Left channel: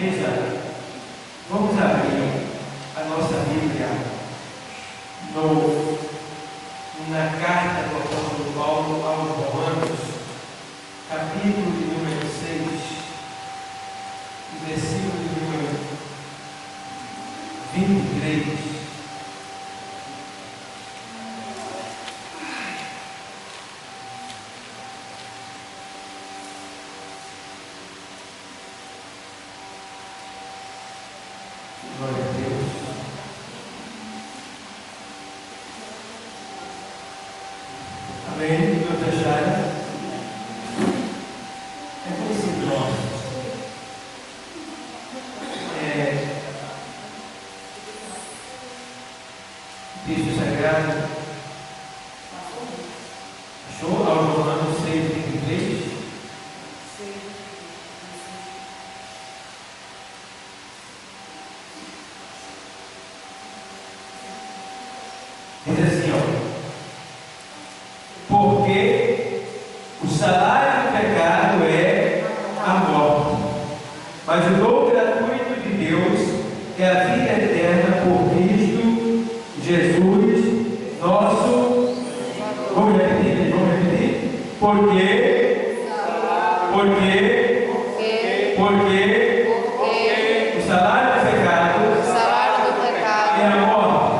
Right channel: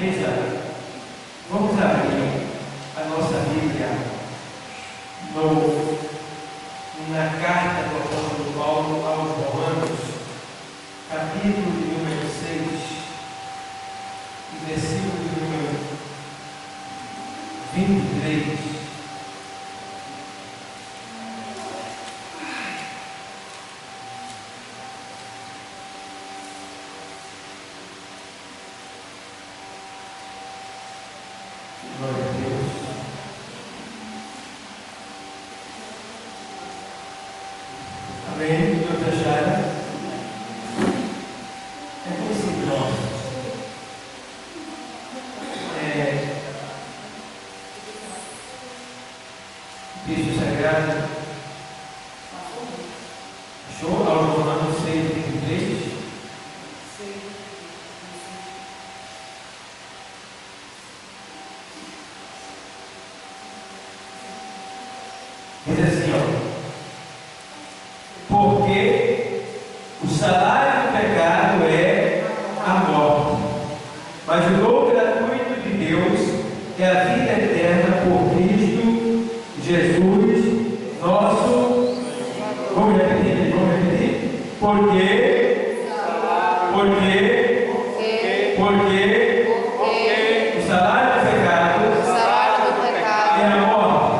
Veja, vamos abrir a nossa Bíblia na carta do apóstolo Paulo aos Romanos, capítulo de número 6, versículo de número 23. Glória a Deus. Amém. Todos acharam? É conhecido nosso. Texto sagrado. Achou? Aos Romanos 6, 23. Diz assim, porque o salário do pecado é a morte, mas o dom gratuito de Deus é a vida eterna por Cristo Jesus, nosso. Vamos repetir? Porque o salário do pecado é a morte,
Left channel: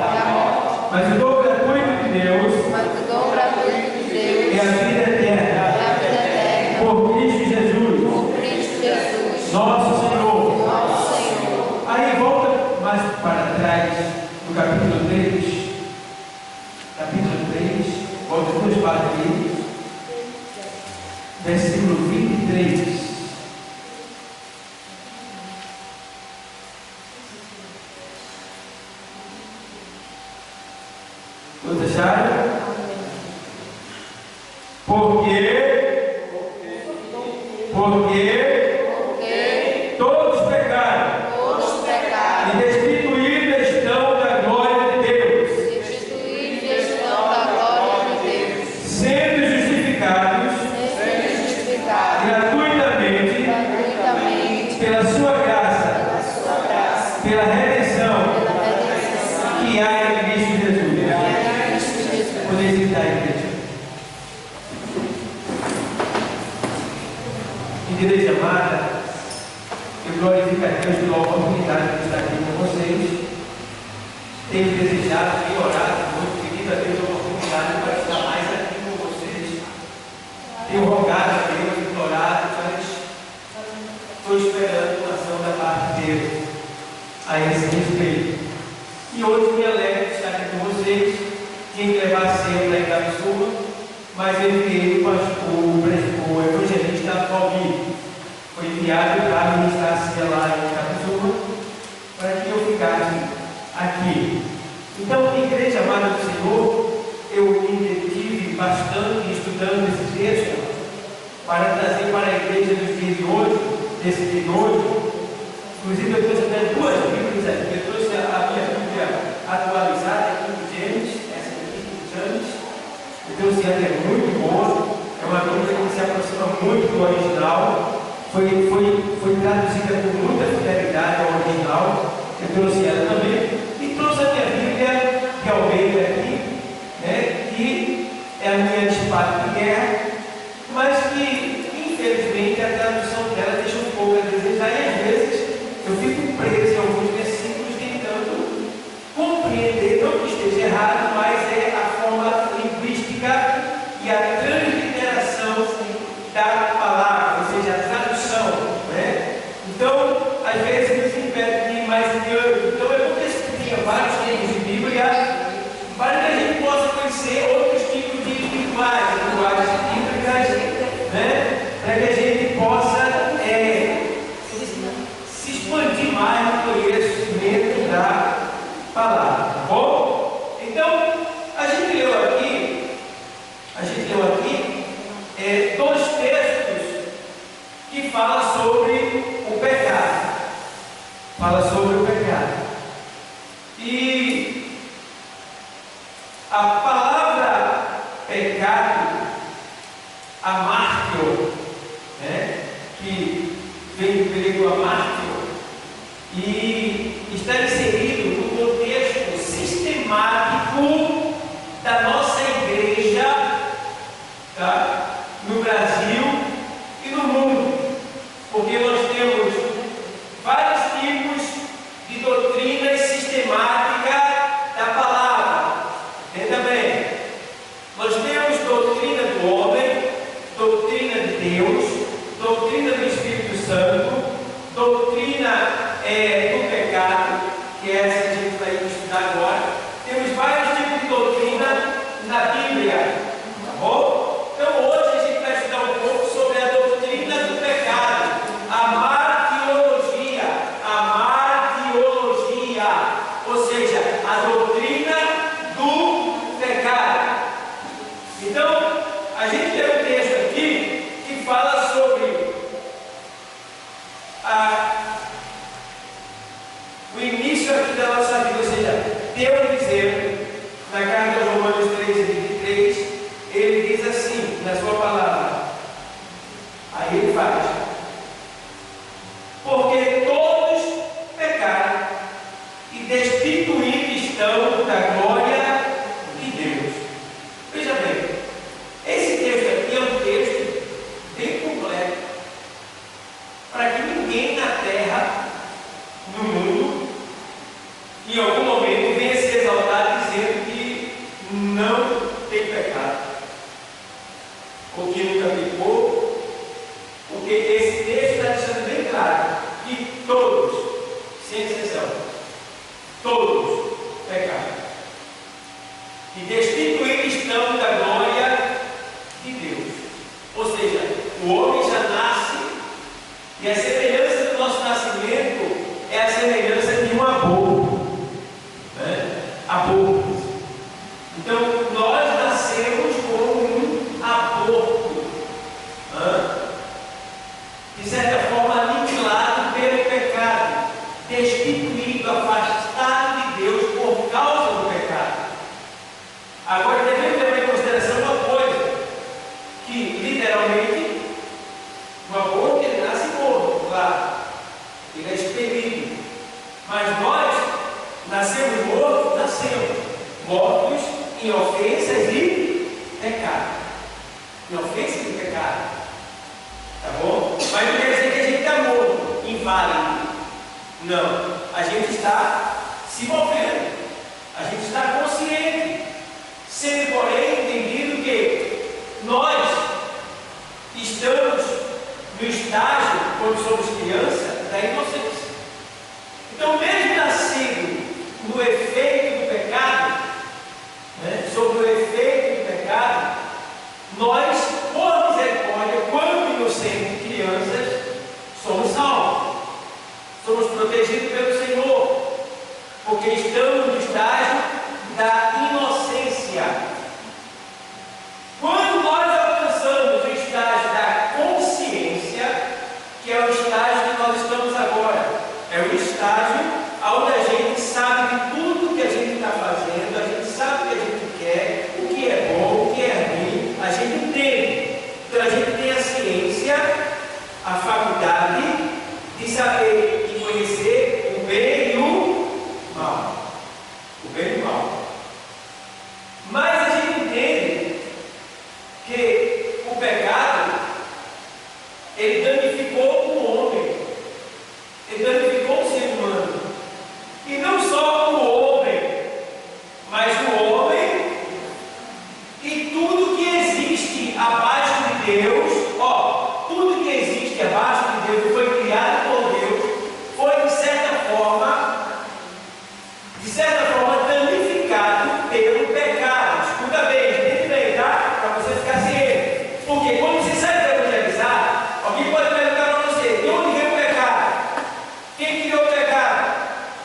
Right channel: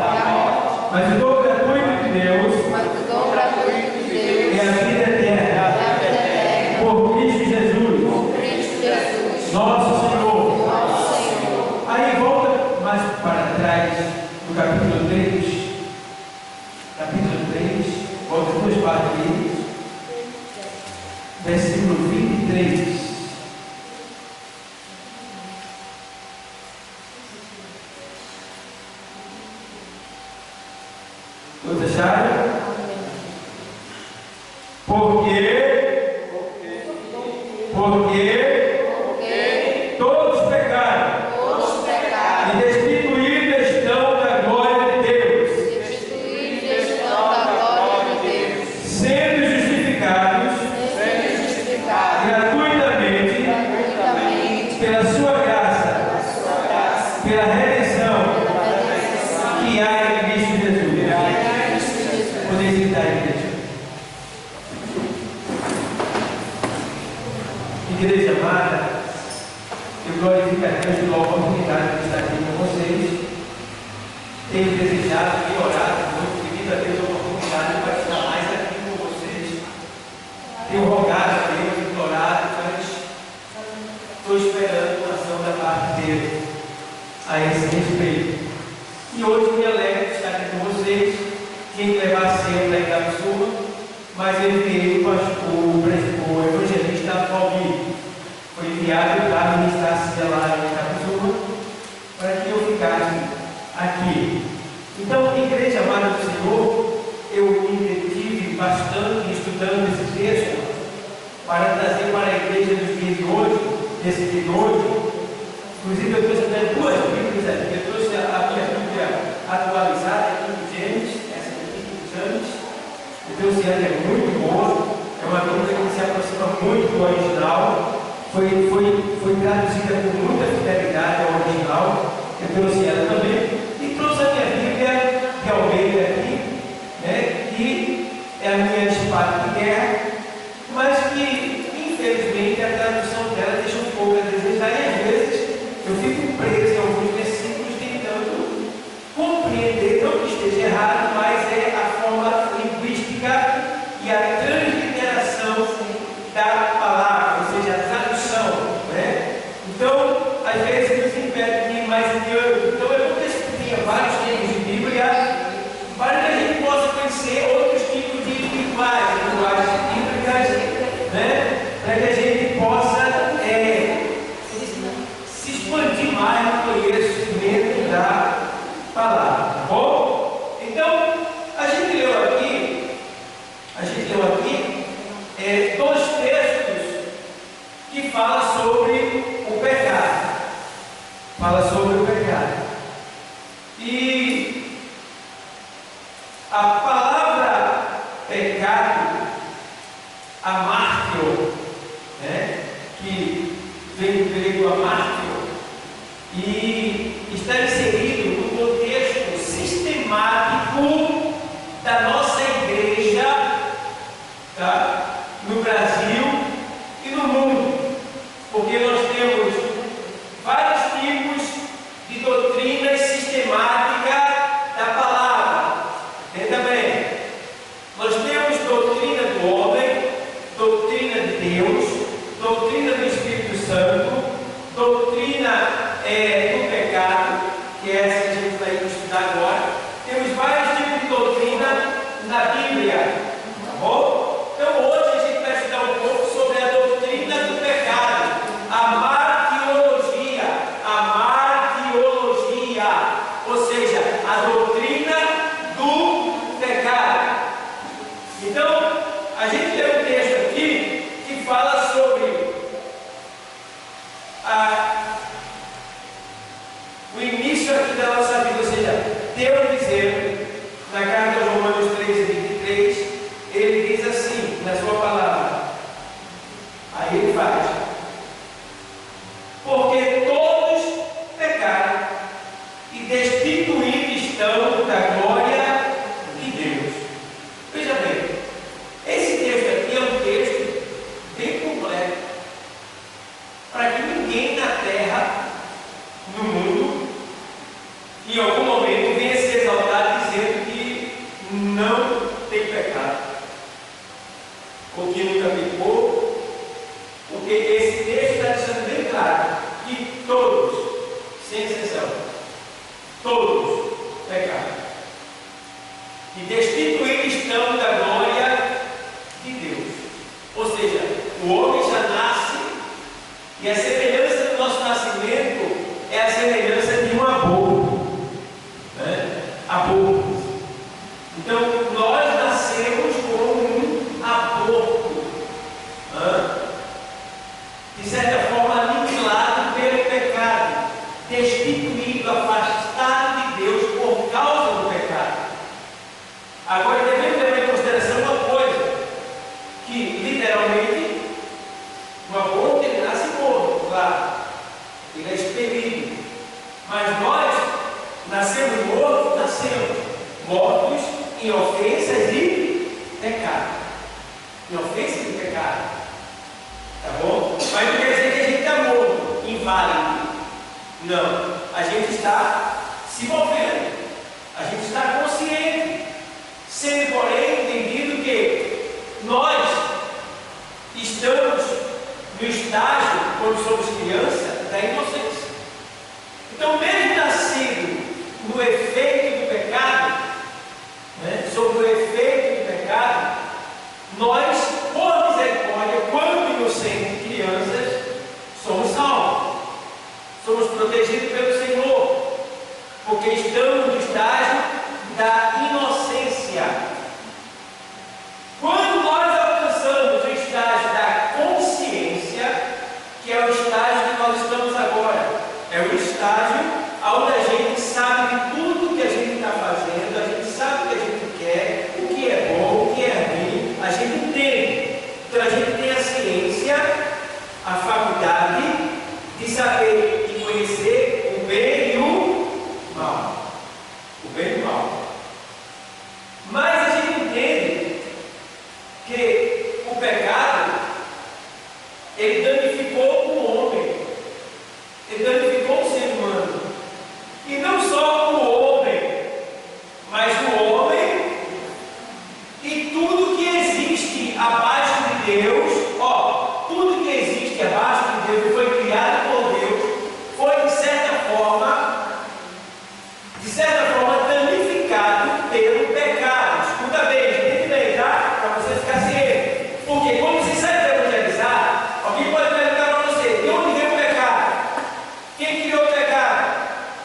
mas o dom gratuito de Deus é a vida eterna por Cristo Jesus, nosso Senhor. Aí volta mais para trás, no capítulo 3, volta 2 partes ali, versículo 23. Todos acharam? Porque todos pecaram e destituídos estão da glória de Deus, sendo justificados gratuitamente pela sua graça, pela redenção que há em Cristo Jesus. Podeis sentar, igreja. Igreja amada, eu glorifico a Deus pela oportunidade de estar aqui com vocês. Tenho desejado e orado muito, pedido a Deus a oportunidade para estar mais aqui com vocês. Tenho rogado a Deus, implorado, mas estou esperando uma ação da parte dele a esse respeito. E hoje me alegro de estar aqui com vocês. Tinha que levar cedo da Itapsuma, mas eu enviei o evangelista Valmir. Foi enviado para ministrar-se lá em Itapsuma, para que eu ficasse aqui. Então, igreja amada do Senhor, eu me detive bastante estudando esse texto para trazer para a igreja dos dias de hoje, desse dia de hoje. Inclusive, eu trouxe até 2 Bíblias aqui. Eu trouxe a minha Bíblia atualizada aqui do Gênesis, essa aqui do Gênesis. Eu trouxe ela, é muito boa. É uma Bíblia que se aproxima muito do original. Foi traduzida com muita fidelidade ao original. Eu trouxe ela também. E trouxe a minha Bíblia de Almeida aqui, né, que é a minha espada de guerra, mas que, infelizmente, a tradução dela deixa um pouco a desejar. E às vezes eu fico preso em alguns versículos tentando compreender, não que esteja errado, mas é a forma linguística e a transliteração da palavra, ou seja, a tradução, né? Então, às vezes nos impede de ir mais adiante. Então, eu vou discutir vários tipos de Bíblia para que a gente possa conhecer outros tipos de linguagens bíblicas, né? Para que a gente possa se expandir mais no conhecimento da palavra. Tá bom? Então, a gente leu aqui 2 textos que falam sobre o pecado. E a palavra pecado, amártio, né, que vem do grego amártio, e está inserido no contexto sistemático da nossa igreja, tá? No Brasil e no mundo, porque nós temos vários tipos de doutrinas sistemáticas da palavra. Entenda bem, nós temos doutrina do homem, doutrina de Deus, doutrina do Espírito Santo, doutrina do pecado, que é essa que a gente vai estudar agora. Temos vários tipos de doutrina na Bíblia, tá bom? Então hoje a gente vai estudar um pouco sobre a doutrina do pecado, a martiologia, ou seja, a doutrina do pecado. Então, a gente tem um texto aqui que fala sobre o início aqui da nossa vida, ou seja, Deus dizendo, na carta aos Romanos 13:23, ele diz assim, na sua palavra, aí ele faz: porque todos pecaram e destituídos estão da glória de Deus. Veja bem, esse texto aqui é um texto bem completo, para que ninguém na terra, no mundo, em algum momento venha se exaltar dizendo que não tem pecado, ou que nunca pecou, porque esse texto está deixando bem claro que todos, sem exceção, todos pecaram e destituídos estão da glória de Deus. Ou seja, o homem já nasce, e a semelhança do nosso nascimento é a semelhança de um aborto, né? Aborto. Então nós nascemos com um aborto, de certa forma aniquilado pelo pecado, destituído, afastado de Deus por causa do pecado. Agora devemos levar em consideração uma coisa, que literalmente o aborto ele nasce morto, claro, ele é expelido, mas nós nascemos mortos, mortos em ofensas e pecado, em ofensas e pecado, tá bom? Mas não quer dizer que a gente está morto, inválido. Não, a gente está se movendo, a gente está consciente, sendo porém entendido que nós estamos no estágio, quando somos criança, da inocência. Então, mesmo nascido no efeito do pecado, né, sob o efeito do pecado, nós, por misericórdia, quando inocentes crianças, somos salvos. Somos protegidos pelo Senhor, porque estamos no estágio da inocência. Quando nós alcançamos o estágio da consciência, que é o estágio que nós estamos agora, é o estágio onde a gente sabe de tudo que a gente está fazendo, a gente sabe o que a gente quer, o que é bom, o que é ruim, a gente entende. Então a gente tem a ciência, a faculdade de saber e conhecer o bem e o mal. O bem e o mal. Mas a gente entende que o pecado, ele danificou o homem, ele danificou o ser humano. E não só o homem, mas o homem e tudo que existe abaixo de Deus. Tudo que existe abaixo de Deus, que foi criado por Deus, foi de certa forma danificado pelo pecado. Escuta bem, entende bem, tá? Para você ficar ciente. Porque quando você sai para evangelizar, alguém pode perguntar para você: de onde veio o pecado? Quem criou o pecado?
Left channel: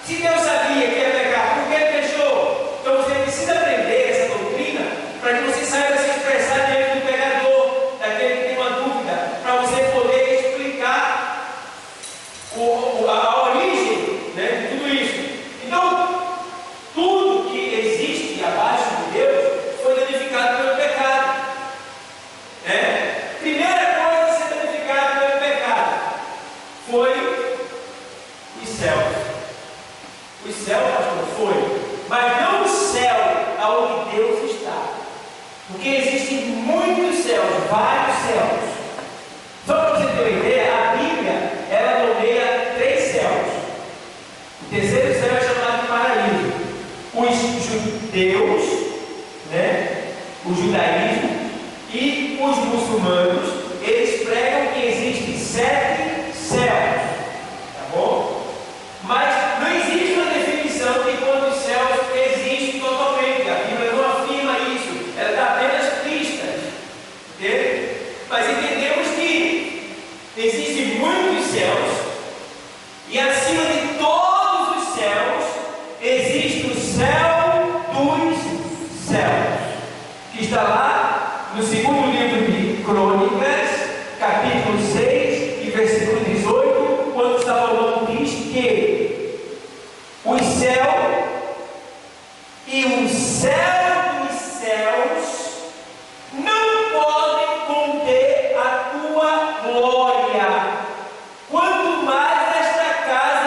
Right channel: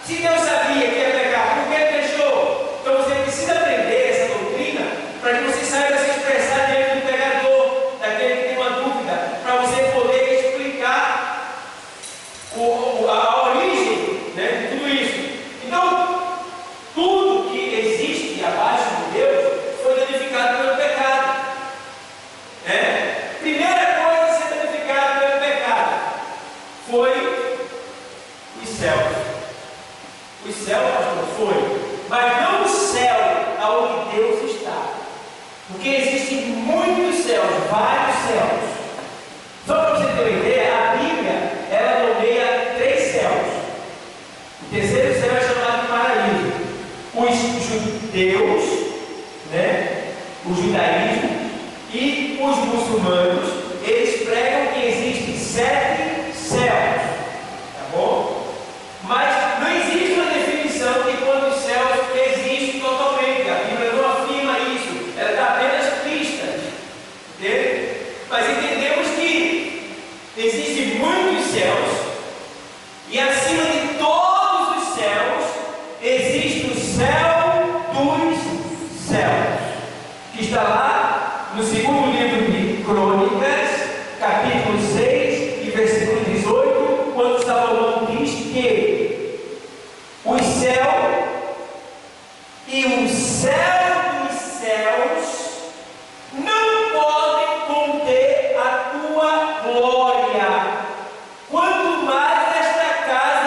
Se Deus sabia que é pecado, por que ele deixou? Então você precisa aprender essa doutrina para que você saiba se expressar diante do pecador, daquele que tem uma dúvida, para você poder explicar a origem, né, de tudo isso. Então, tudo que existe abaixo de Deus foi danificado pelo pecado. Primeira coisa a ser danificada pelo pecado foi o Os céus. Os céus, pastor, foi. Mas não o céu aonde Deus está. Porque existem muitos céus, vários céus. Só para você ter uma ideia, a Bíblia, ela nomeia 3 céus. O terceiro céu é chamado de paraíso. Os judeus, né? O judaísmo e os muçulmanos, eles pregam que existem 7 céus. Tá bom? Mas não existe uma definição de quantos céus existem totalmente. A Bíblia não afirma isso. Ela dá apenas pistas. Entende? Mas entendemos que existem muitos céus. E acima de todos os céus, existe o céu dos céus. Que está lá no segundo livro de Crônicas, capítulo 6 e versículo 18, quando Salomão diz que o céu e o céu dos céus não podem conter a tua glória, quanto mais esta casa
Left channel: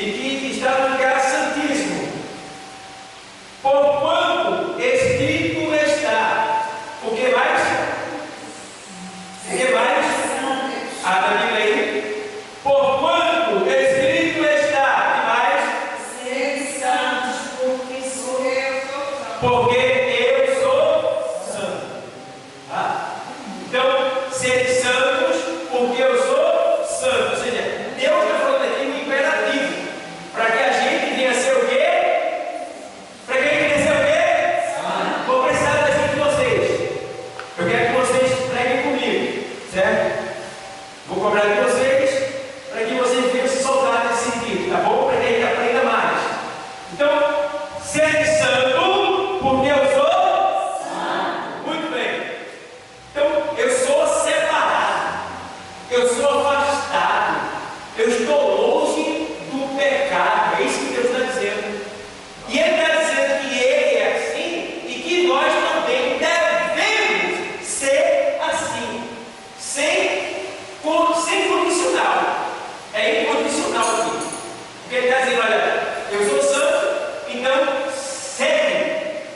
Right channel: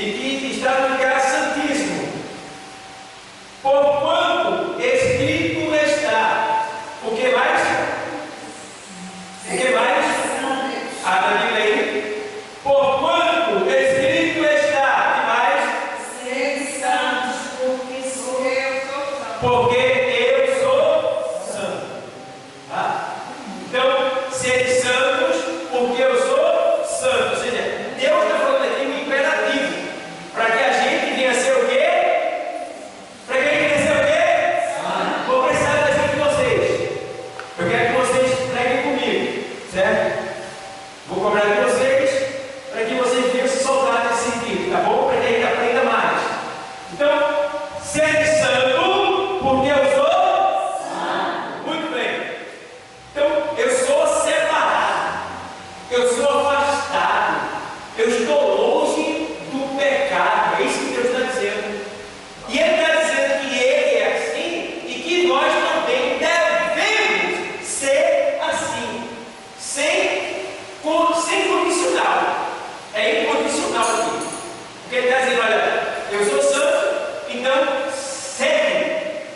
e que está no lugar santíssimo. Porquanto escrito está. O que mais? O que mais? A da Bíblia aí. Porquanto escrito está. O que mais? Sede santos, porque sou eu sou santo. Porque eu sou santo. Tá? Então, sede santos, porque eu sou santo. Ou seja, Deus está falando aqui um imperativo. Para que a gente venha a ser o quê? Para que a gente venha a ser o quê? Vou precisar da ajuda de vocês. Eu quero que vocês preguem comigo. Certo? Vou cobrar de vocês para que vocês venham se soltar nesse sentido. Tá bom? Para que a gente aprenda mais. Então, sede santo, porque eu sou santo. Muito bem. Então, eu sou separado, eu sou afastado, eu estou longe do pecado. É isso que Deus está dizendo. E Ele está dizendo que Ele é assim e que nós também devemos ser assim, sem condicional. É incondicional aqui. Porque Ele está dizendo: olha, eu sou santo, então segue.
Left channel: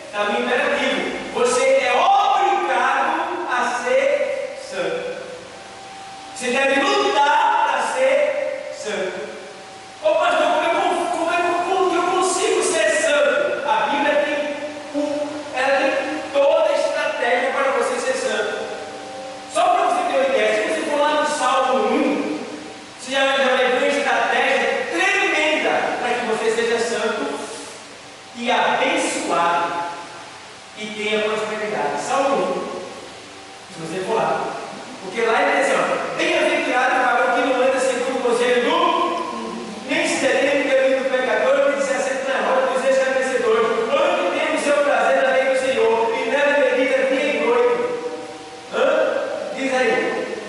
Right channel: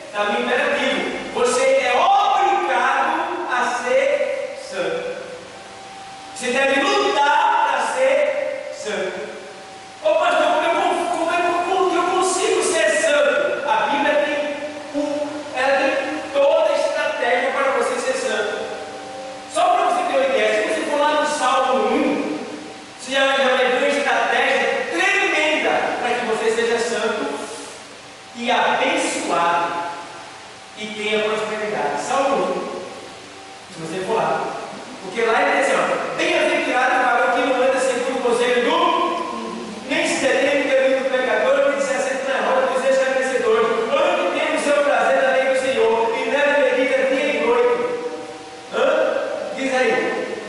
Está no imperativo. Você é obrigado a ser santo. Você deve lutar para ser santo. Ô pastor, como que eu consigo ser santo? A Bíblia ela tem toda a estratégia para você ser santo. Só para você ter uma ideia, se você for lá no Salmo 1, você já vai ver uma estratégia tremenda para que você seja santo e abençoado e tenha prosperidade. Salmo 1, se você for lá. Porque lá ele diz assim: ó, bem-aventurado o varão que não anda segundo o conselho do, nem se detém no caminho do pecador, nem se assenta na roda dos escarnecedores, onde tem o seu prazer na lei do Senhor, e nela medita dia e noite. Diz aí,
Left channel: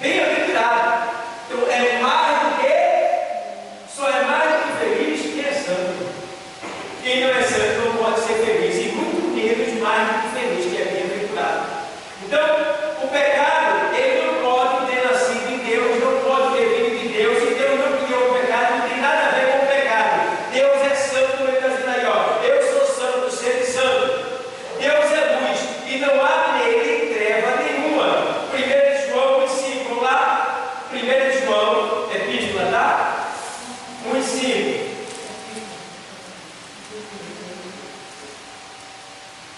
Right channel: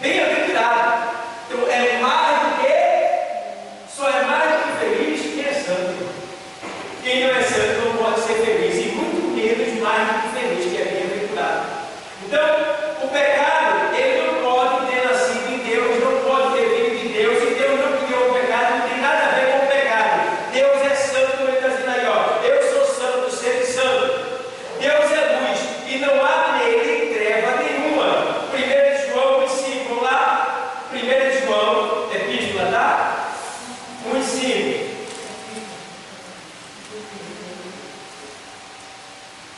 bem-aventurado. Então é mais do que, só é mais do que feliz quem é santo. Quem não é santo não pode ser feliz, e muito menos mais do que feliz, que é bem-aventurado. Então, o pecado, ele não pode ter nascido em Deus, não pode ter vindo de Deus. Se Deus não criou o pecado, não tem nada a ver com o pecado. Deus é santo, como ele está dizendo aí, ó. Eu sou santo, sede santo. Deus é luz, e não há nele treva nenhuma. 1 João 1,5, vamos lá? 1 João, epístola, tá? 1,5.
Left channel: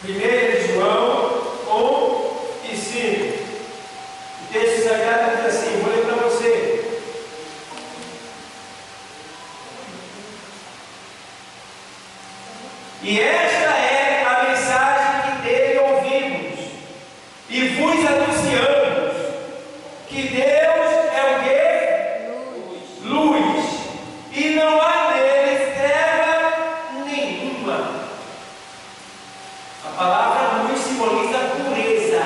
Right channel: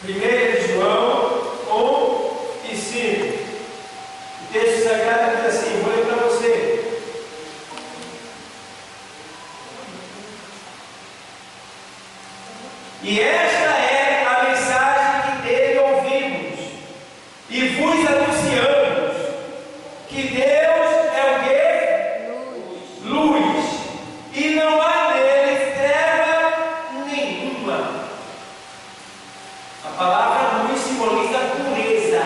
1 João 1,5. O texto sagrado diz assim, vou ler para você. E esta é a mensagem que dele ouvimos e vos anunciamos, que Deus é o quê? Luz. E não há nele treva nenhuma. A palavra luz simboliza pureza.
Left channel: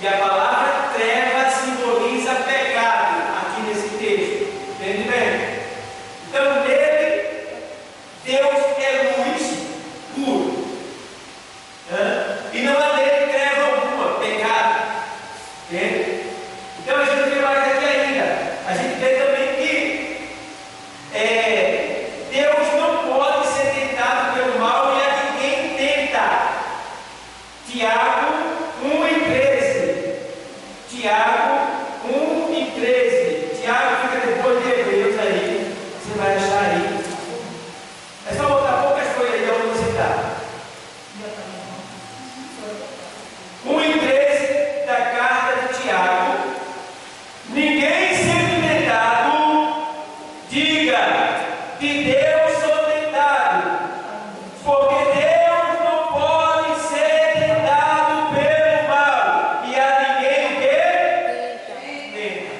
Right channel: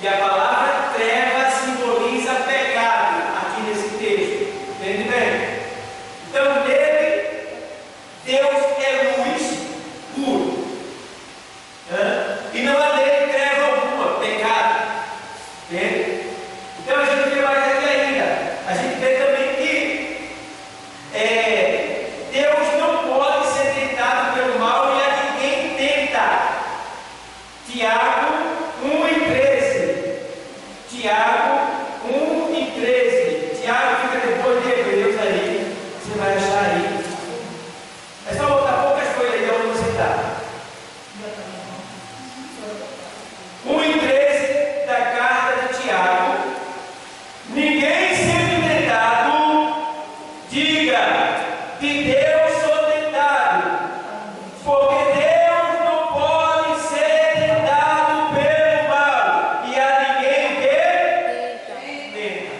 E a palavra treva simboliza pecado, aqui nesse texto. Entende bem? Então, nele, Deus é luz puro. E não há nele treva alguma, pecado. Entende? Então, a gente vê mais aqui ainda. A gente vê também que Deus não pode ser tentado pelo mal e a ninguém tenta. Tiago 1,13. Tiago 1,13. Tiago fica depois de Hebreus aí. Você vai achar aí. É só botar poucas coisas aí de onde você está. 1,13 da carta de Tiago. Ninguém sendo tentado, diga: de Deus sou tentado. Porque Deus não pode ser tentado pelo mal. E a ninguém o quê? Tenta.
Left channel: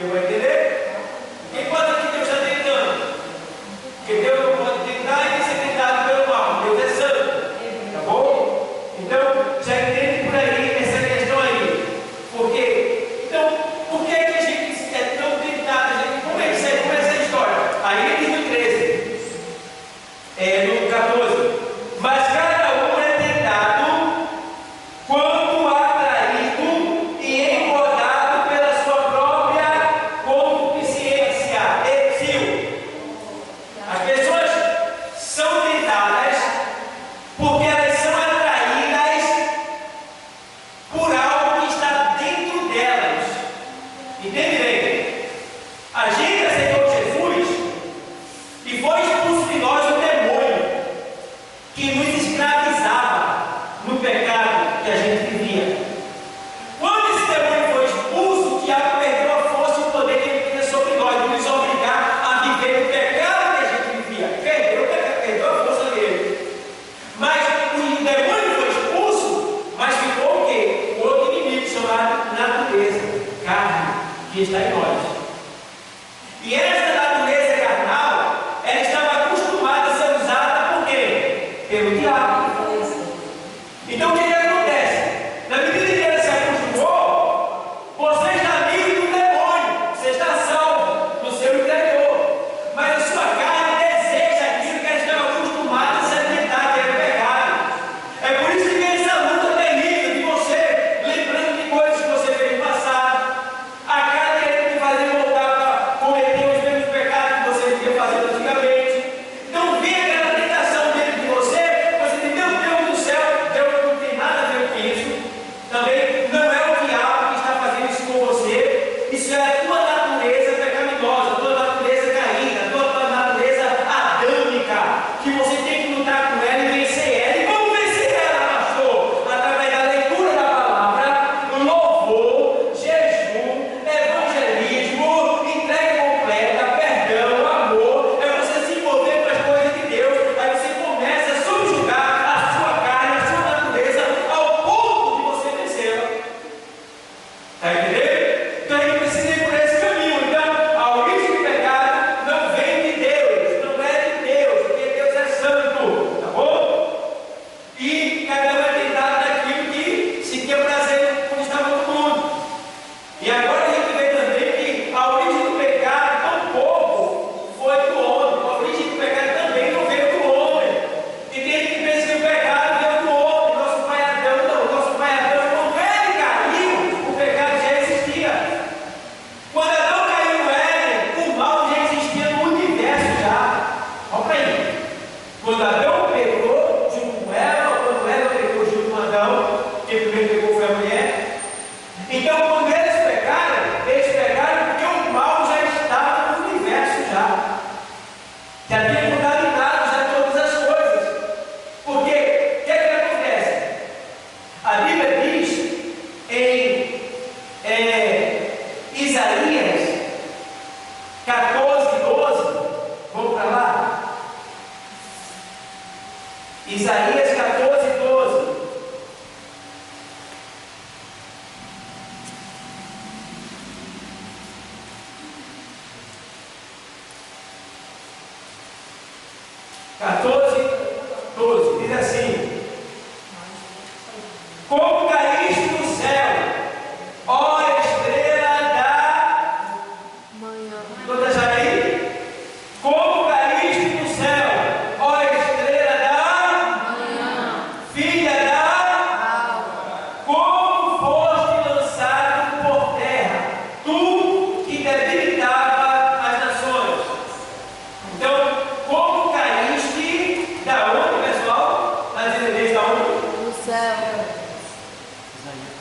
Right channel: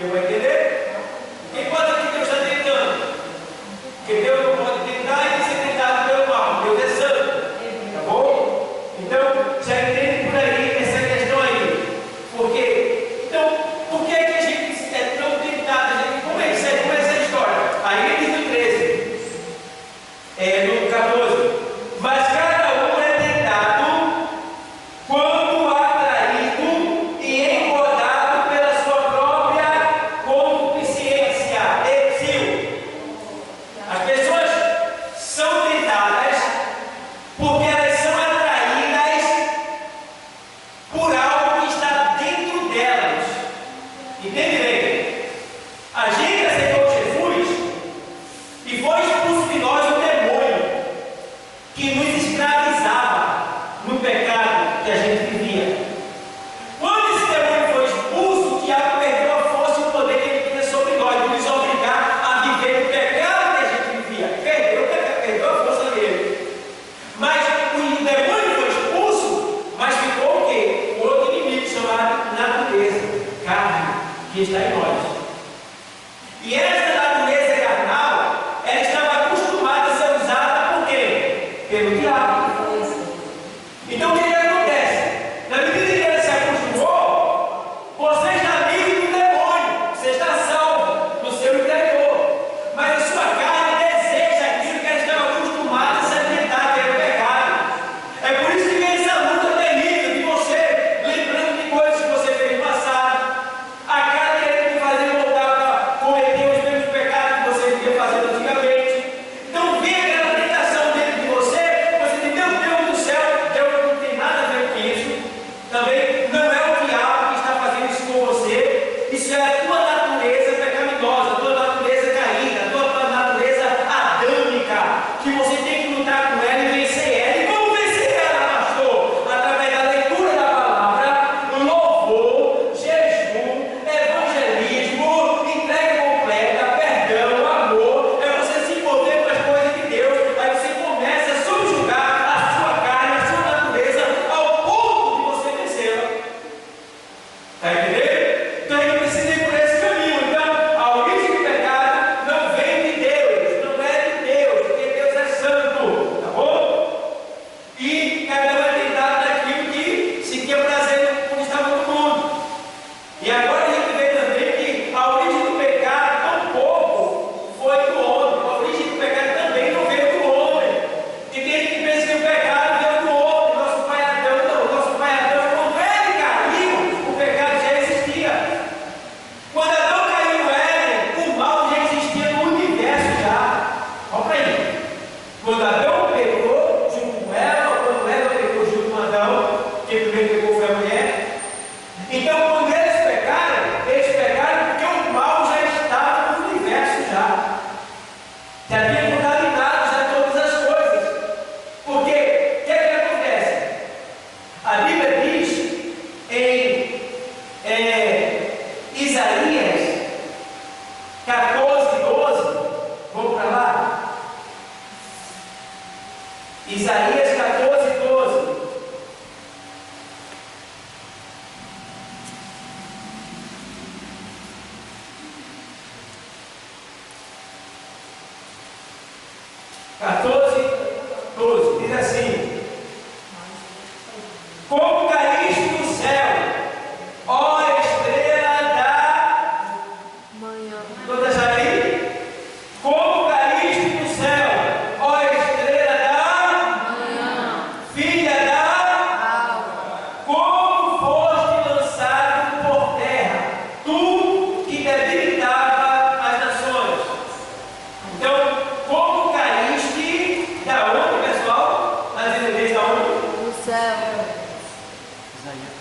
Eu vou entender? Quem pode aqui Deus está tentando? Porque Deus não pode tentar e nem ser tentado pelo mal. Deus é santo. Tá bom? Então, já entende por aí essa questão aí. Por quê? Então, por que a gente é tão tentado? Como é essa história? Aí ele diz no 13. que está em nós. E esta natureza carnal, ela estava acostumada a ser usada por quem? Pelo diabo. Então o que acontece? Na medida que ela se acostumou, você está livre do demônio, você está salvo no seu interior. Mas a sua carne deseja aquilo que ela estava acostumada a se alimentar, que é o pecado. É por isso que vem essa luta terrível de você, lembrando de coisas que você fez no passado. A carne querendo te fazer voltar para cometer os mesmos pecados que você vivia fazendo antigamente. Então vem aquela tentação dentro de você diz, meu Deus do céu, Deus não tem nada a ver com isso. Também não é o diabo que está fazendo isso com você. Isso é a tua natureza pecaminosa, a tua natureza caída, a tua natureza adâmica, que você tem que lutar com ela e vencer ela. E como vencer ela, pastor? Através da leitura da palavra, louvor, jejum, evangelismo, entrega completa, perdão, amor. É você se envolver com as coisas de Deus. Aí você começa a subjugar a sua carne, a sua natureza, ao ponto de você vencê-la. Está entendendo? Então a gente precisa ir por esse caminho. Então, a origem do pecado não vem de Deus, não é de Deus, porque Deus é santo, tá bom? E cada um é tentado daquilo que se quer prazer quando estava no mundo. E agora a gente vê também que a origem do pecado tampouco foi do homem. A origem do pecado também não veio do homem. E tem gente que pensa que o pecado veio do homem. Nosso pai Adão, não. Nosso pai Adão, quando ele caiu, o pecado já existia. Quando Adão caiu no Éden, o mal já existia no universo já. Olha para aí. Quando Adão pecou junto com Eva, quando Eva pecou junto com Adão, quem primeiro pecou foi a mulher. Então, quando eles pecaram porque o mal já estava no universo já. Já tinha contaminado já todas as coisas. Porque, o que é que acontece? A Bíblia diz em Isaías 14:12, vamos para lá? Isaías 14:12. Diz assim: como caíste do céu, ó estrela da Manhã. Toda aí? Como caíste do céu, ó estrela da Manhã. filha da Alva. como foste lançado por terra, tu que debilitava as nações. Então, como caíste da onde, pessoal? Nas igrejas da onde? No céu.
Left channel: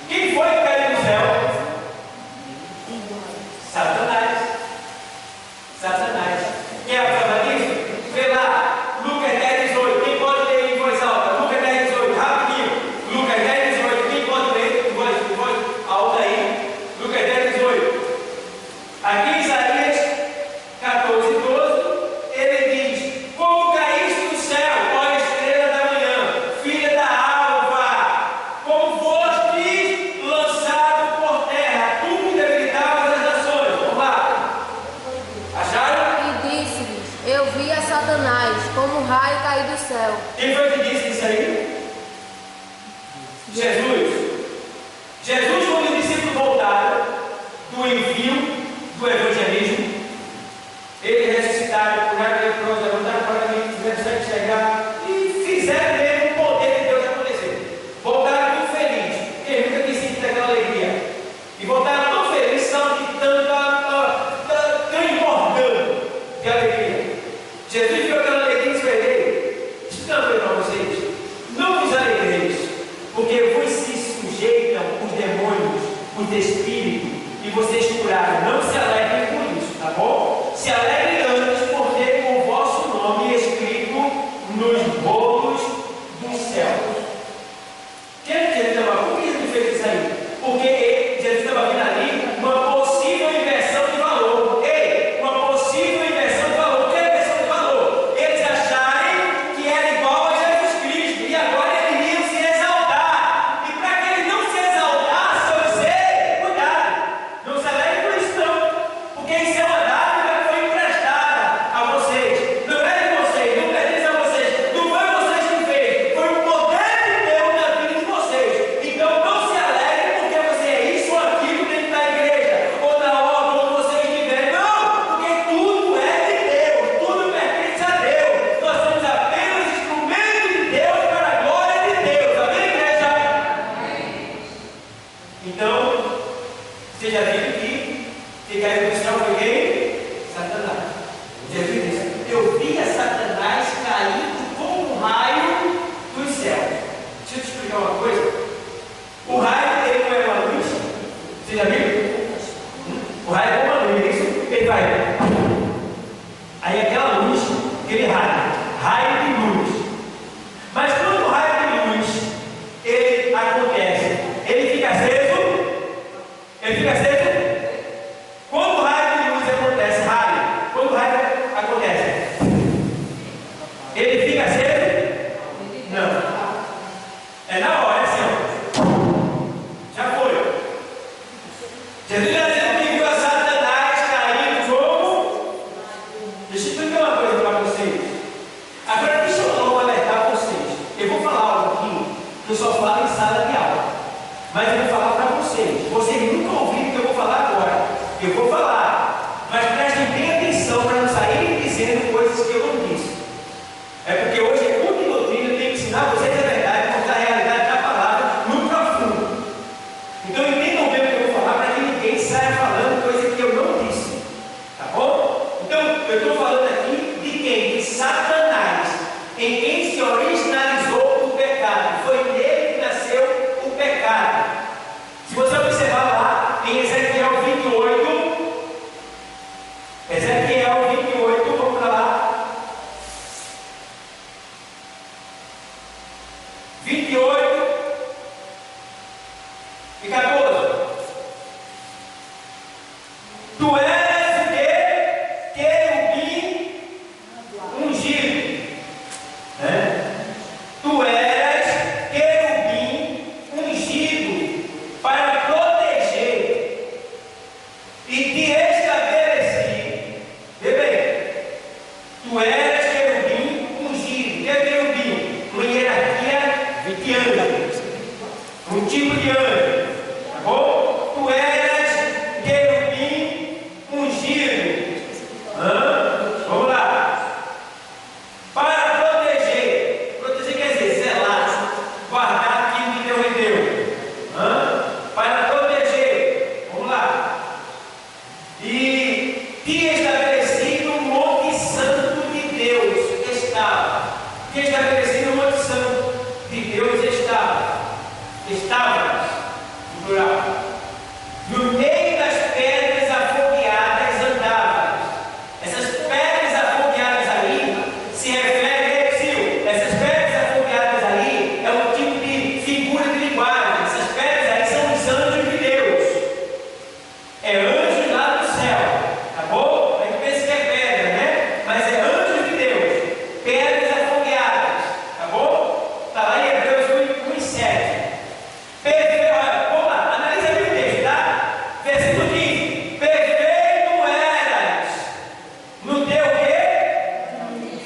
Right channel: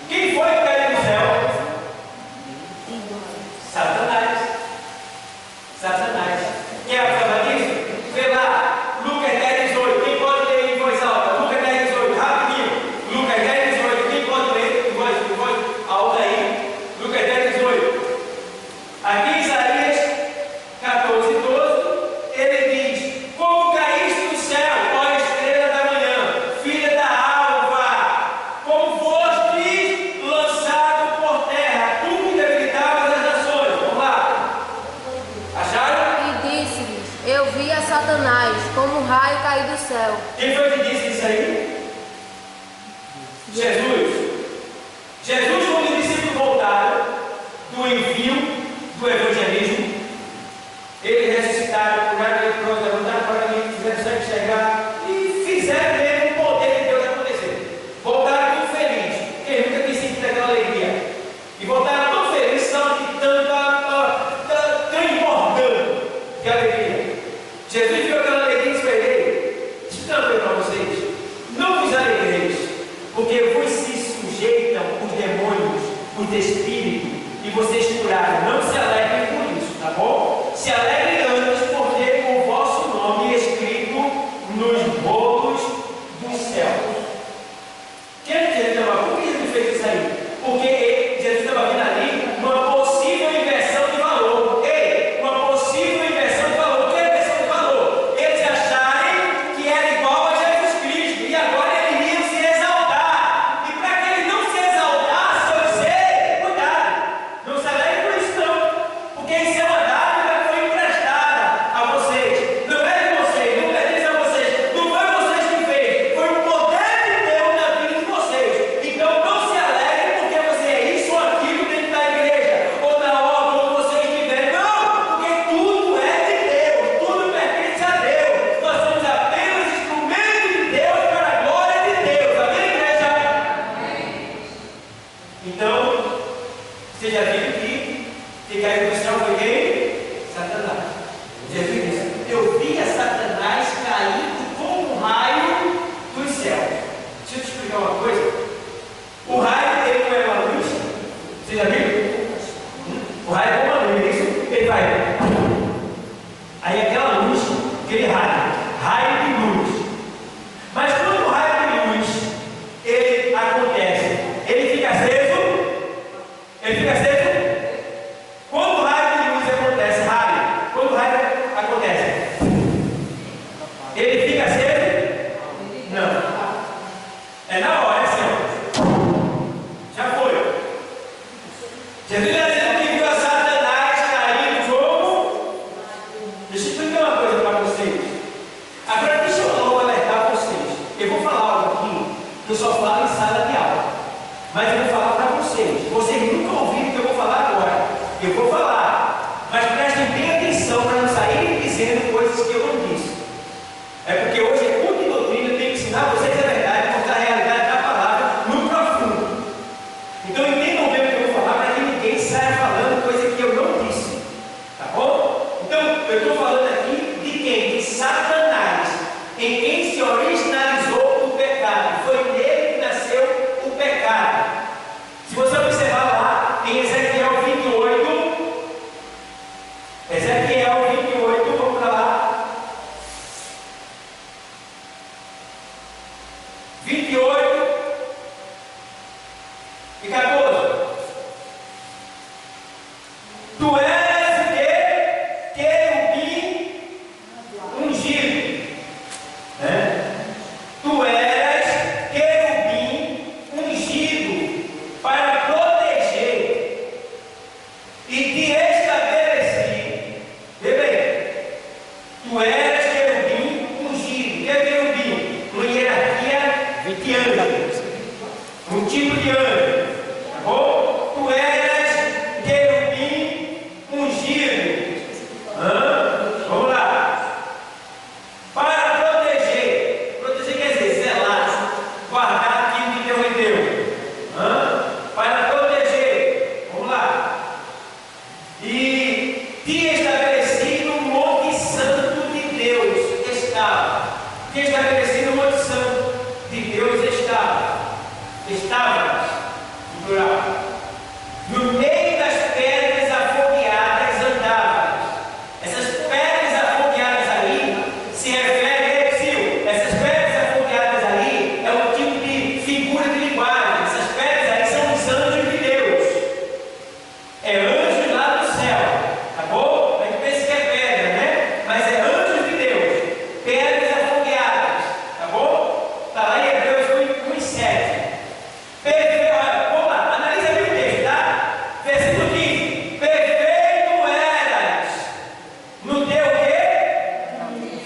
Quem foi que caiu do céu? Satanás. Satanás. Quer falar disso? Vê lá, Lucas 10:18. Quem pode ler em voz alta? Lucas 10:18, rapidinho. Lucas 10:18. Quem pode ler em voz alta aí? Lucas 10:18. Aqui em Isaías 14:12, ele diz: como caíste do céu, ó estrela da manhã, filha da alva, como foste lançado por terra, tu que debilitavas as nações. Vamos lá. Acharam? E disse-lhes: eu vi a Satanás como um raio cair do céu. Quem foi que disse isso aí? Jesus. Jesus, quando os discípulos voltaram do envio do evangelismo, eles ressuscitaram, curaram a leprosa, levantaram para mim, fizeram sangue chegar e fizeram mesmo o poder de Deus acontecer. Voltaram muito felizes, porque eles nunca tinham sentido aquela alegria. E voltaram tão felizes, são de transbordando de alegria. Jesus viu aquela alegria e disse para ele: estampe para vocês, não vos alegreis, porque vos se sujeitam os demônios, os espíritos, e vocês curaram. Não se alegrem por isso, tá bom? Se alegrem antes por ter o vosso nome escrito nos bolos dos céus. Quem Jesus estava? Por que Jesus fez isso aí? Porque Jesus estava vendo ali uma possível inversão de valor. Ei, uma possível inversão de valor. O que é inversão de valor? Eles acharem que era igual a Jesus Cristo e agora eles iriam se exaltar. E para que eles não se exaltassem, eu sei, cuidado, não se alegre por isso não. aquele raio de luz. Mas quando o raio de luz ele acontece, ele fica aceso? Ele fica aceso? Quando o raio de luz acontece, quando o raio acontece, ele fica aceso? Não. É na hora, assim, ó. Já foi. Jesus está dizendo que viu a Satanás cair no jogo. Deixa eu explicar uma coisa para vocês. Agora deixa eu logo alertar vocês. Eu vou falar algo aqui que eu só falo em sala de aula. Mas eu vou falar para vocês. Vocês nunca ouviram o que eu vou falar agora. Eu vou falar. Mas prestem bem atenção para não saírem dizendo coisas que eu não disse. É porque hoje é culto de doutrina, eu tenho que ensinar vocês a verdade, mostrar a realidade da palavra no profundo. Então entendam bem o que eu vou falar para que ninguém saia falando coisa que eu não disse. Tá bom? Então eu estou falando aqui de quem? De Satanás, em quem se originalizou o pecado. Foi nele que nasceu o pecado. Se você observar lá em Ezequiel 28, vamos para lá. 28 e 14. Tu és o que? Querubim ungido. Tu és querubim ungido para proteger e te estabelecer. Vê bem. Tu és querubim ungido. O que é querubim? Uma hierarquia de anjos. Um tipo de anjo. Tá bom? Tu és querubim ungido. Vamos lá. Para proteger. Proteger quer dizer zelar, guardar aquilo que Deus me deu. Para proteger. Vamos lá. E te estabeleci no Monte Santo de Deus estava. Te estabeleci no Monte Santo de Deus estava. Estavas, no plural. No meio das pedras afogueadas andavas. Essas pedras afogueadas aí se referem, essas pedras afogueadas aí é um tipo de figura de linguagem. Essas pedras aí são os anjos de Deus. É anjos lá do céu, tá bom? A gente pensa que é pedra, né? Mas é anjos de Deus. Pedras afogueadas, tá bom? Está lá em Hebreus 1:7. Vamos lá, analisa bem o texto, tá? Versículo 15. Perfeito eras no teu quê?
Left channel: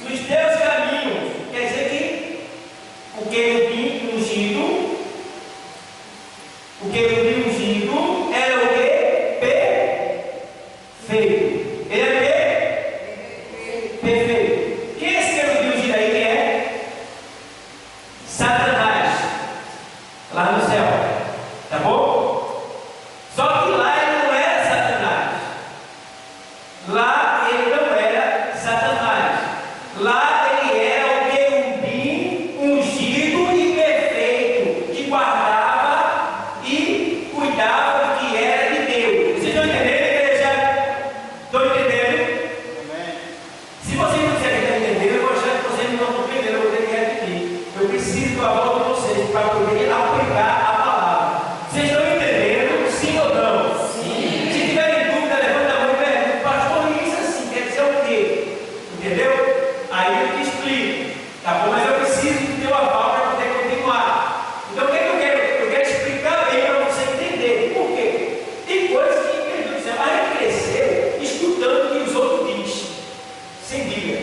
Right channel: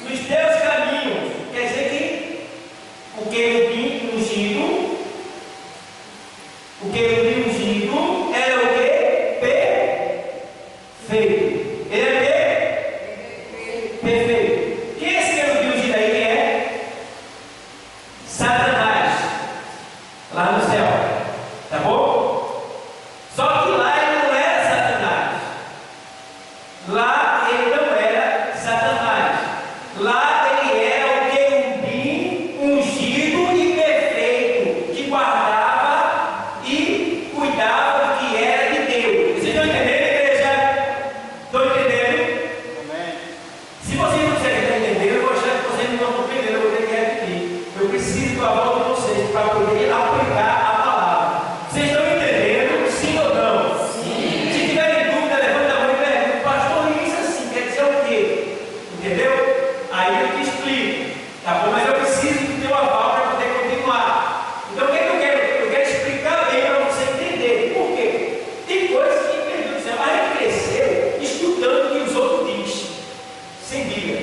Nos teus caminhos. Quer dizer que o querubim ungido era o quê? Perfeito. Ele é o quê? Perfeito. Quem é esse querubim ungido aí? Quem é? Satanás. Lá no céu, tá bom? Só que lá ele não era Satanás. Lá ele não era Satanás. Lá ele era o querubim ungido e perfeito, que guardava e cuidava do que era de Deus. Vocês estão entendendo, igreja? Estão entendendo? Se vocês não quiserem entender, eu vou achar que vocês não estão compreendendo, eu vou ter que repetir. Eu preciso da volta de vocês para poder aplicar a palavra. Vocês estão entendendo? Sim ou não? Sim. Se tiverem dúvida, levanta a mão e pergunta: pastor, isso assim quer dizer o quê? Entendeu? Aí eu te explico, tá bom? Mas eu preciso do teu aval para poder continuar. Então o que é que eu quero? Eu quero explicar bem para você entender. Por quê? Tem coisas que, meu Deus do céu, a gente cresceu escutando o que os outros dizem, sem Bíblia.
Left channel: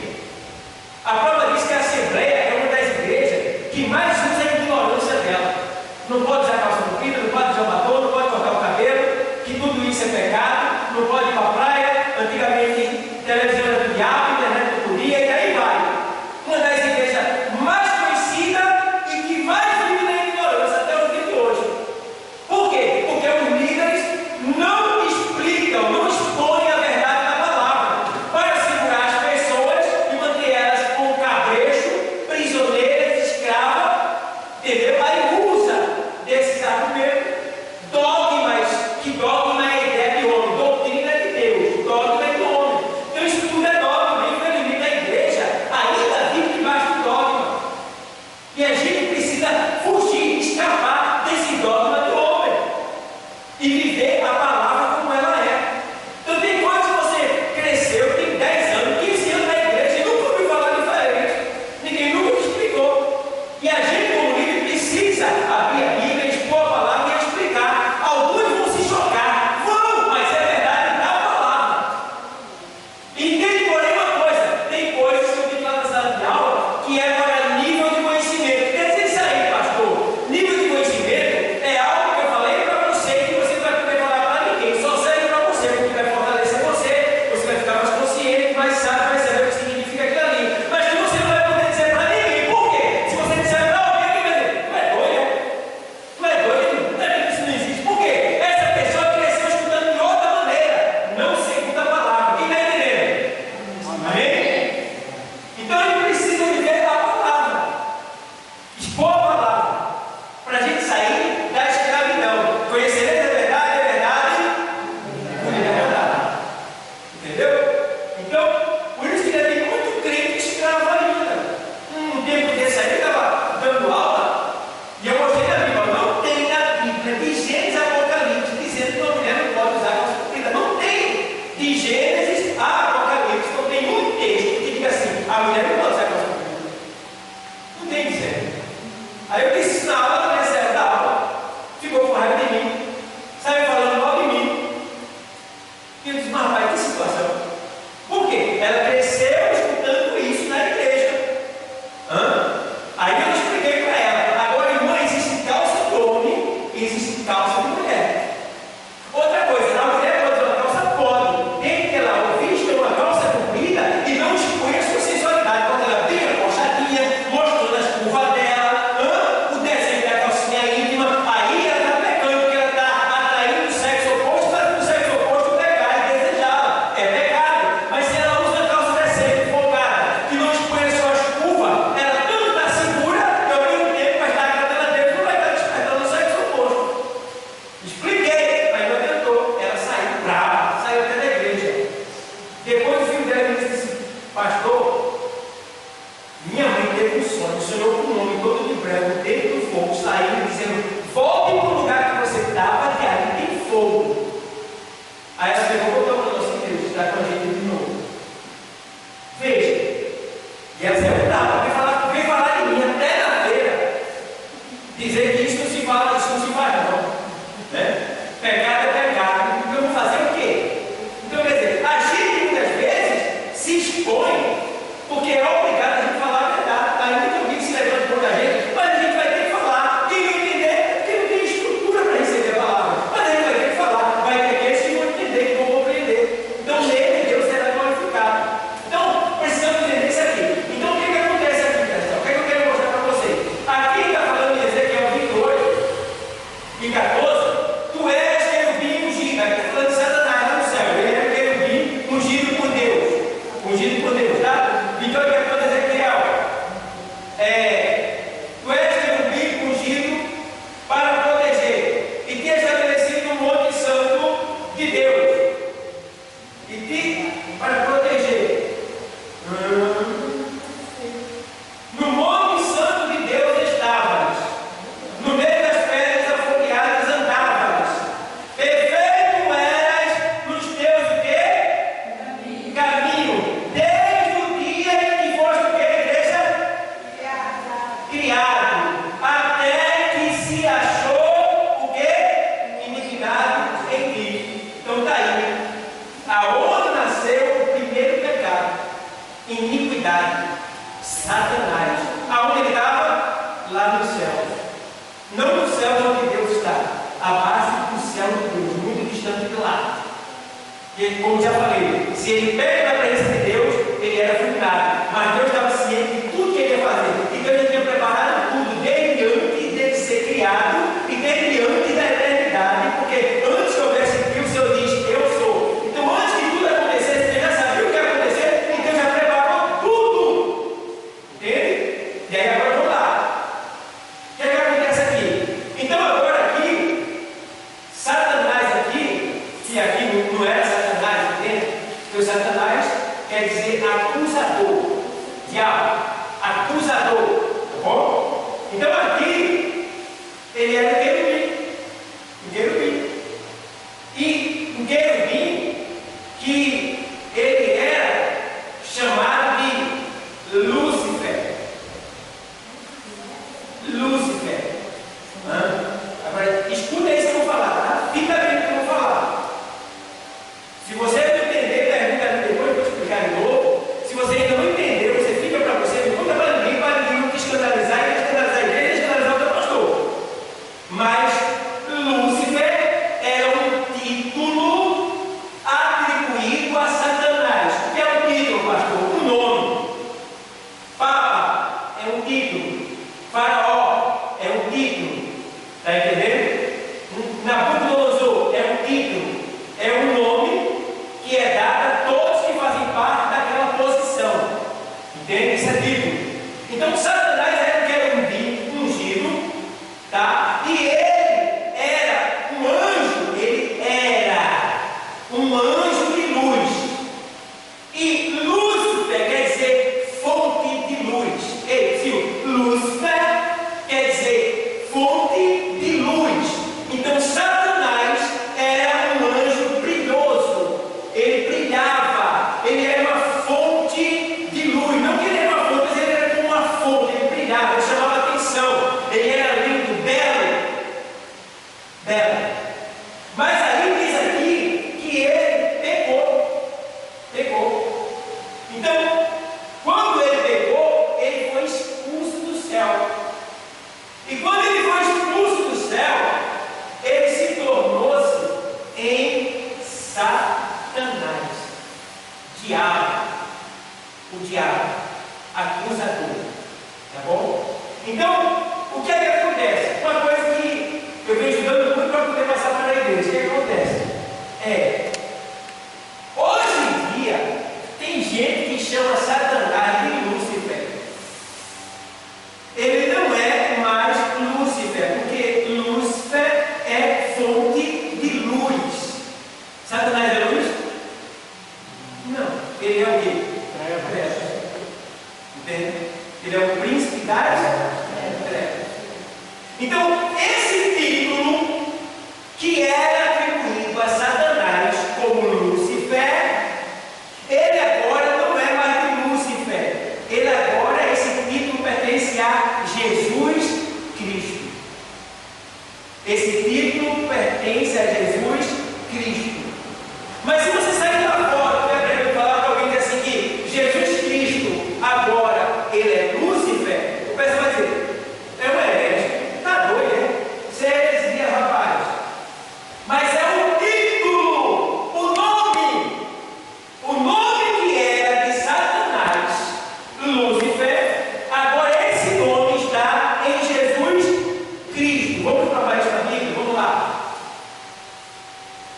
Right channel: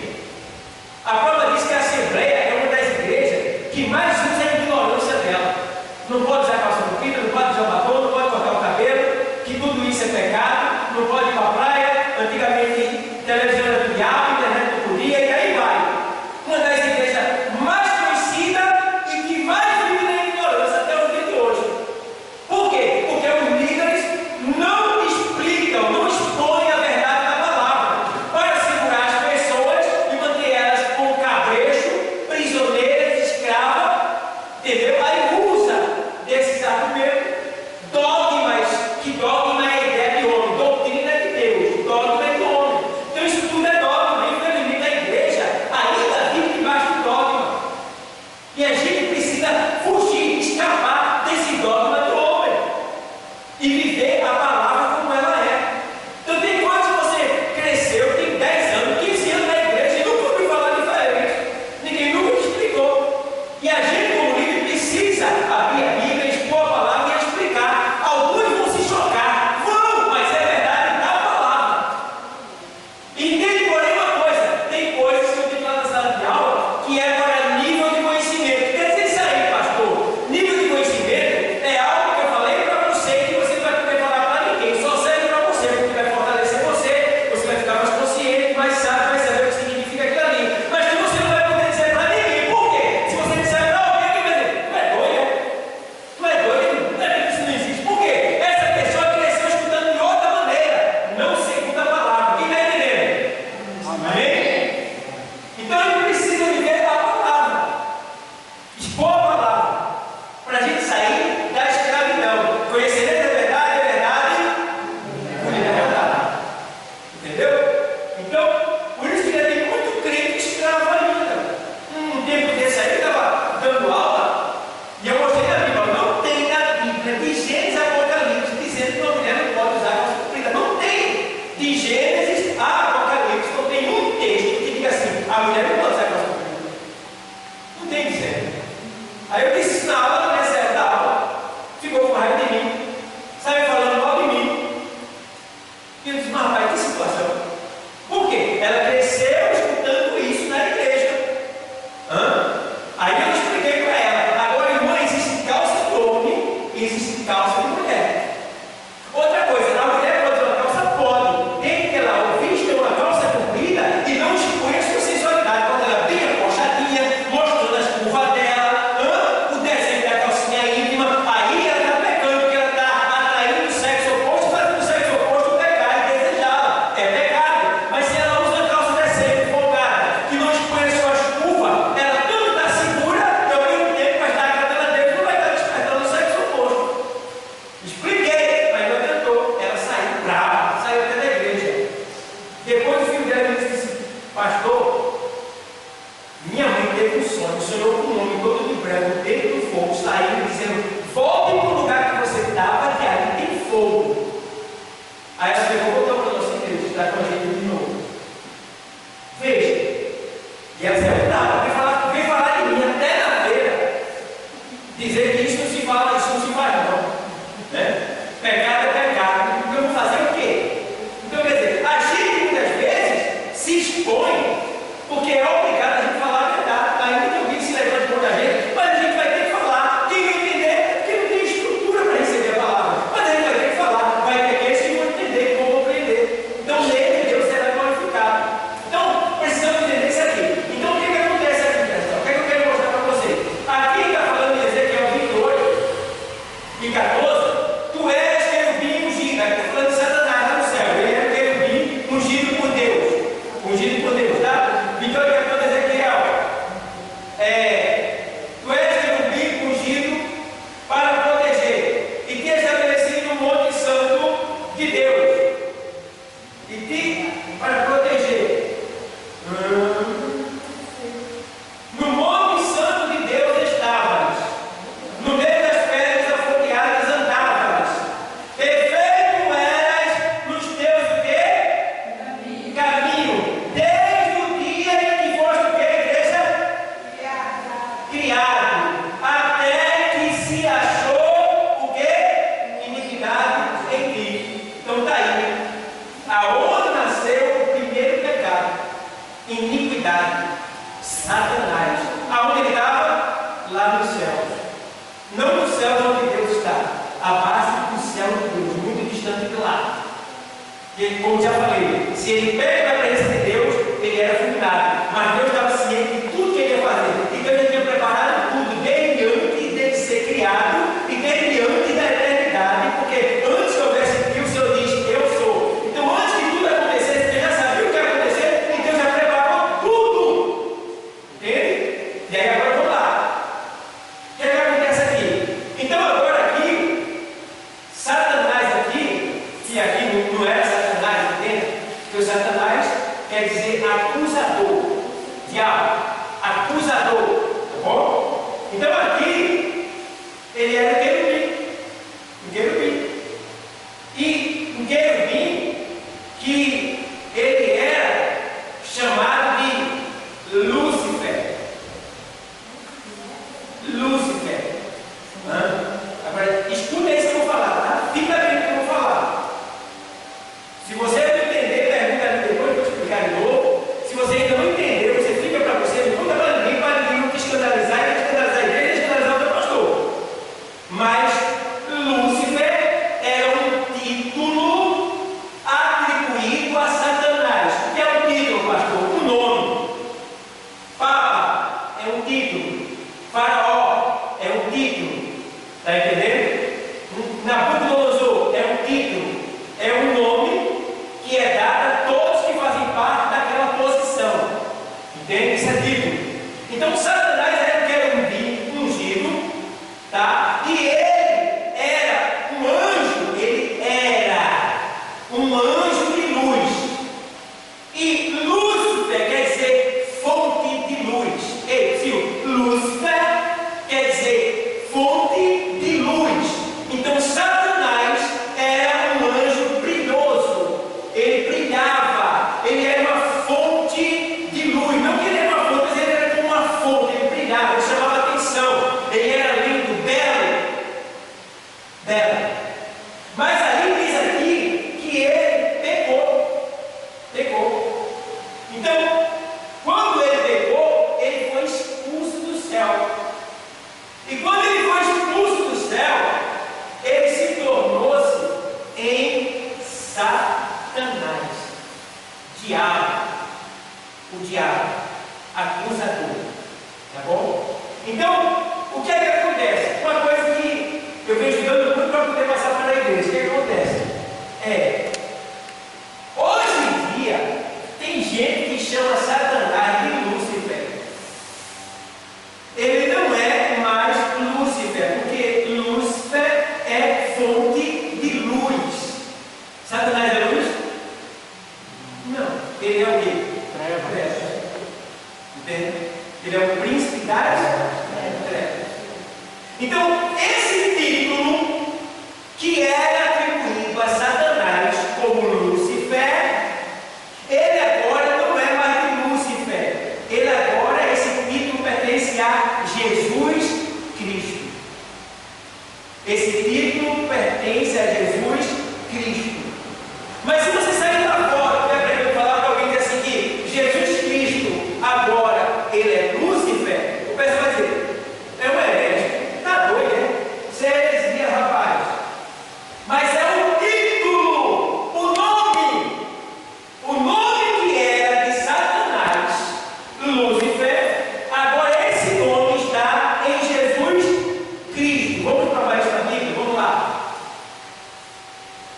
A prova diz que a Assembleia é uma das igrejas que mais usa a ignorância dela. Não pode usar calça comprida, não pode usar batom, não pode cortar o cabelo, que tudo isso é pecado, não pode ir para a praia. Antigamente, televisão era do diabo, internet não podia, e aí vai. Uma das igrejas mais conhecidas e que mais vive na ignorância até o dia de hoje. Por quê? Porque os líderes não explicam, não expõem a verdade da palavra para segurar as pessoas e manter elas com cabrecho, prisioneiras, escravas, entendeu? Aí usa desses argumentos, dogmas, que dogma é ideia de homem, doutrina de Deus, dogma é de homem. Então isso tudo é dogma. Infelizmente a igreja tempo desse aí, eu estava dando aula e eu mostrei na Bíblia. Não tem na Bíblia, de Gênesis a Apocalipse, dizendo que uma mulher não pode usar calça comprida. Não tem. De Gênesis a Apocalipse, não tem um texto que diga assim: a mulher não pode usar calça comprida. Não tem dizendo. Aí eu disse na aula, na minha série da aula, ficou com raiva de mim, saiu falando mal de mim. E eu disse: mas rapaz, que situação. Por quê? Ela cresceu escutando isso na igreja. Aí eu expliquei para ela: agora, irmã, existe calça de homem e existe calça de mulher. Outra coisa, a mulher pode usar uma calça? Pode, desde que ela vista uma calça comprida e não exponha a sua sensualidade. Quando ela bem acochadinha, mostrando as curvas dela, o desenho da calcinha íntima, aí ela está pecando, porque ela está atraindo o sexo oposto, fazendo o sexo oposto pecar e desejá-la. É pecado. Mas se ela usa a calça decente, folgada, que não expõe as suas curvas, ela tanto está segura, que ao mesmo tempo vai estar agradando a Deus, não vai estar despertando o sexo oposto. Expliquei, mas não tentou. Ela saiu brava, saiu até da igreja. Depois o filho dela disse: pastor, minha mãe teve um sonho, sonhou com um homem todo de branco, dentro do fogo, saindo, dizendo: volte para o lugar que você estava, que ali tem fogo. Aí ela pegou, voltou para a nossa igreja, está com a gente de novo. Veja, e ela saiu brava, veio falar de mim até na feira, dizer que isso não se fala, isso não se faz não. Né? Pecado é pecado. Então eu vou fazer o quê? Então quer dizer, a gente muitas vezes se expõe porque é obrigado a gente falar a verdade. Ainda que alguém se levante contra a gente, mas a gente vai ter que falar. Quem não entender, porque não tem estrutura para receber a palavra. Mas a gente vai ter que falar. Vai ter aqueles que vão entender, que vão compreender. Então nele Deus será glorificado. Então precisamos entender isso aqui. Então o que acontece aqui, pessoal? O que eu quero mostrar para vocês? Aqui está falando de Ezequiel 28 e 14. Tu és querubim ungido. Aqui está falando de Satanás lá no céu. Ele é querubim ungido por Deus. Ungido por Deus, tá? Então ele está falando Ezequiel. Tu és querubim ungido para proteger e te estabelecido no monte santo de Deus. Para proteger. No monte santo de Deus estavas. No meio das pedras afogueadas andavas. Perfeito eras nos teus o quê? Caminho. Desde o dia em que foste o quê, igreja? Criado. Até que se achou o quê? Iniquidade em ti. Então está aí. Aonde nasceu o primeiro pecado? Iniquidade. Satanás. Aonde ele estava? Lá no céu. Não no céu onde Deus está, abaixo do céu de Deus, muito distante de lá. E como já falei, se ele perde a presença de Deus, ele era fulminado. Mas Deus estava ciente de tudo que ele ia fazer. Então ele tinha preparado tudo, desde antes dele ser criado e desde antes da eternidade. Porque antes que houvesse Deus, o Senhor diz: eu sou. Então antes que tudo acontecesse, ele já sabia o que ia acontecer e Deus já preparou tudo. Entende? E aí agora vamos lá. O que é que acontece aqui? Então agora aqui, Satanás aqui, que aqui não era Satanás, entende? Porque o Satanás quer dizer acusador, diabo, acusador, tá bom? Então aqui, ele era um querubim, e um querubim que ele era chamado de Lúcifer. Agora, escuta isso que eu vou falar, tá? Fica bem o que eu vou falar. Se você não entender, pergunta ali depois, eu vou explicar de novo. Se você ainda não entendeu, você fica para você, não conta para ninguém não te escandalizar, e escandalizar a igreja, e escandalizar o teu pastor. Mas Lúcifer era um título atribuído a Satanás. O que é um título, pastor? Um nome. Papa é um título. Faraó é um título. Está entendendo? Nabucodonosor é um título. É um nome que é dado a todos que fazem parte daquela posição. Entende? Isso é título. Então Satanás era um querubim ungido, tá? E ele era um anjo. Ele era um anjo de luz. E Lúcifer quer dizer fonte de luz. Ei, Silvio, diabo, acusador. Tá bom? Então, o que é que acontece? Uma coisa que eu venho estudando muito para poder passar para a igreja. O que é que acontece? Hoje em dia, tem gente que chama Satanás de Lúcifer. Ele não é mais Lúcifer, porque Lúcifer é fonte de luz. Satanás é luz? Não. Ele é o quê? Trevas. Entende? Ele é o príncipe das trevas. Então, esse título que era atribuído a Satanás como Lúcifer, ele agora não é mais de Lúcifer. Ele agora, esse título pertence a Jesus Cristo. Esse título pertence a Jesus Cristo. Mas se você sair lá fora, eu falar para alguém que assim que Jesus Cristo agora ele é Lúcifer, o pessoal vai dizer, é uma herege, tá doido, né? Isso é heresia, rapaz. Mas é o título, o nome que era de Satanás, Lúcifer, agora esse nome está em Jesus Cristo. Vamos provar isso na Bíblia? Vamos lá.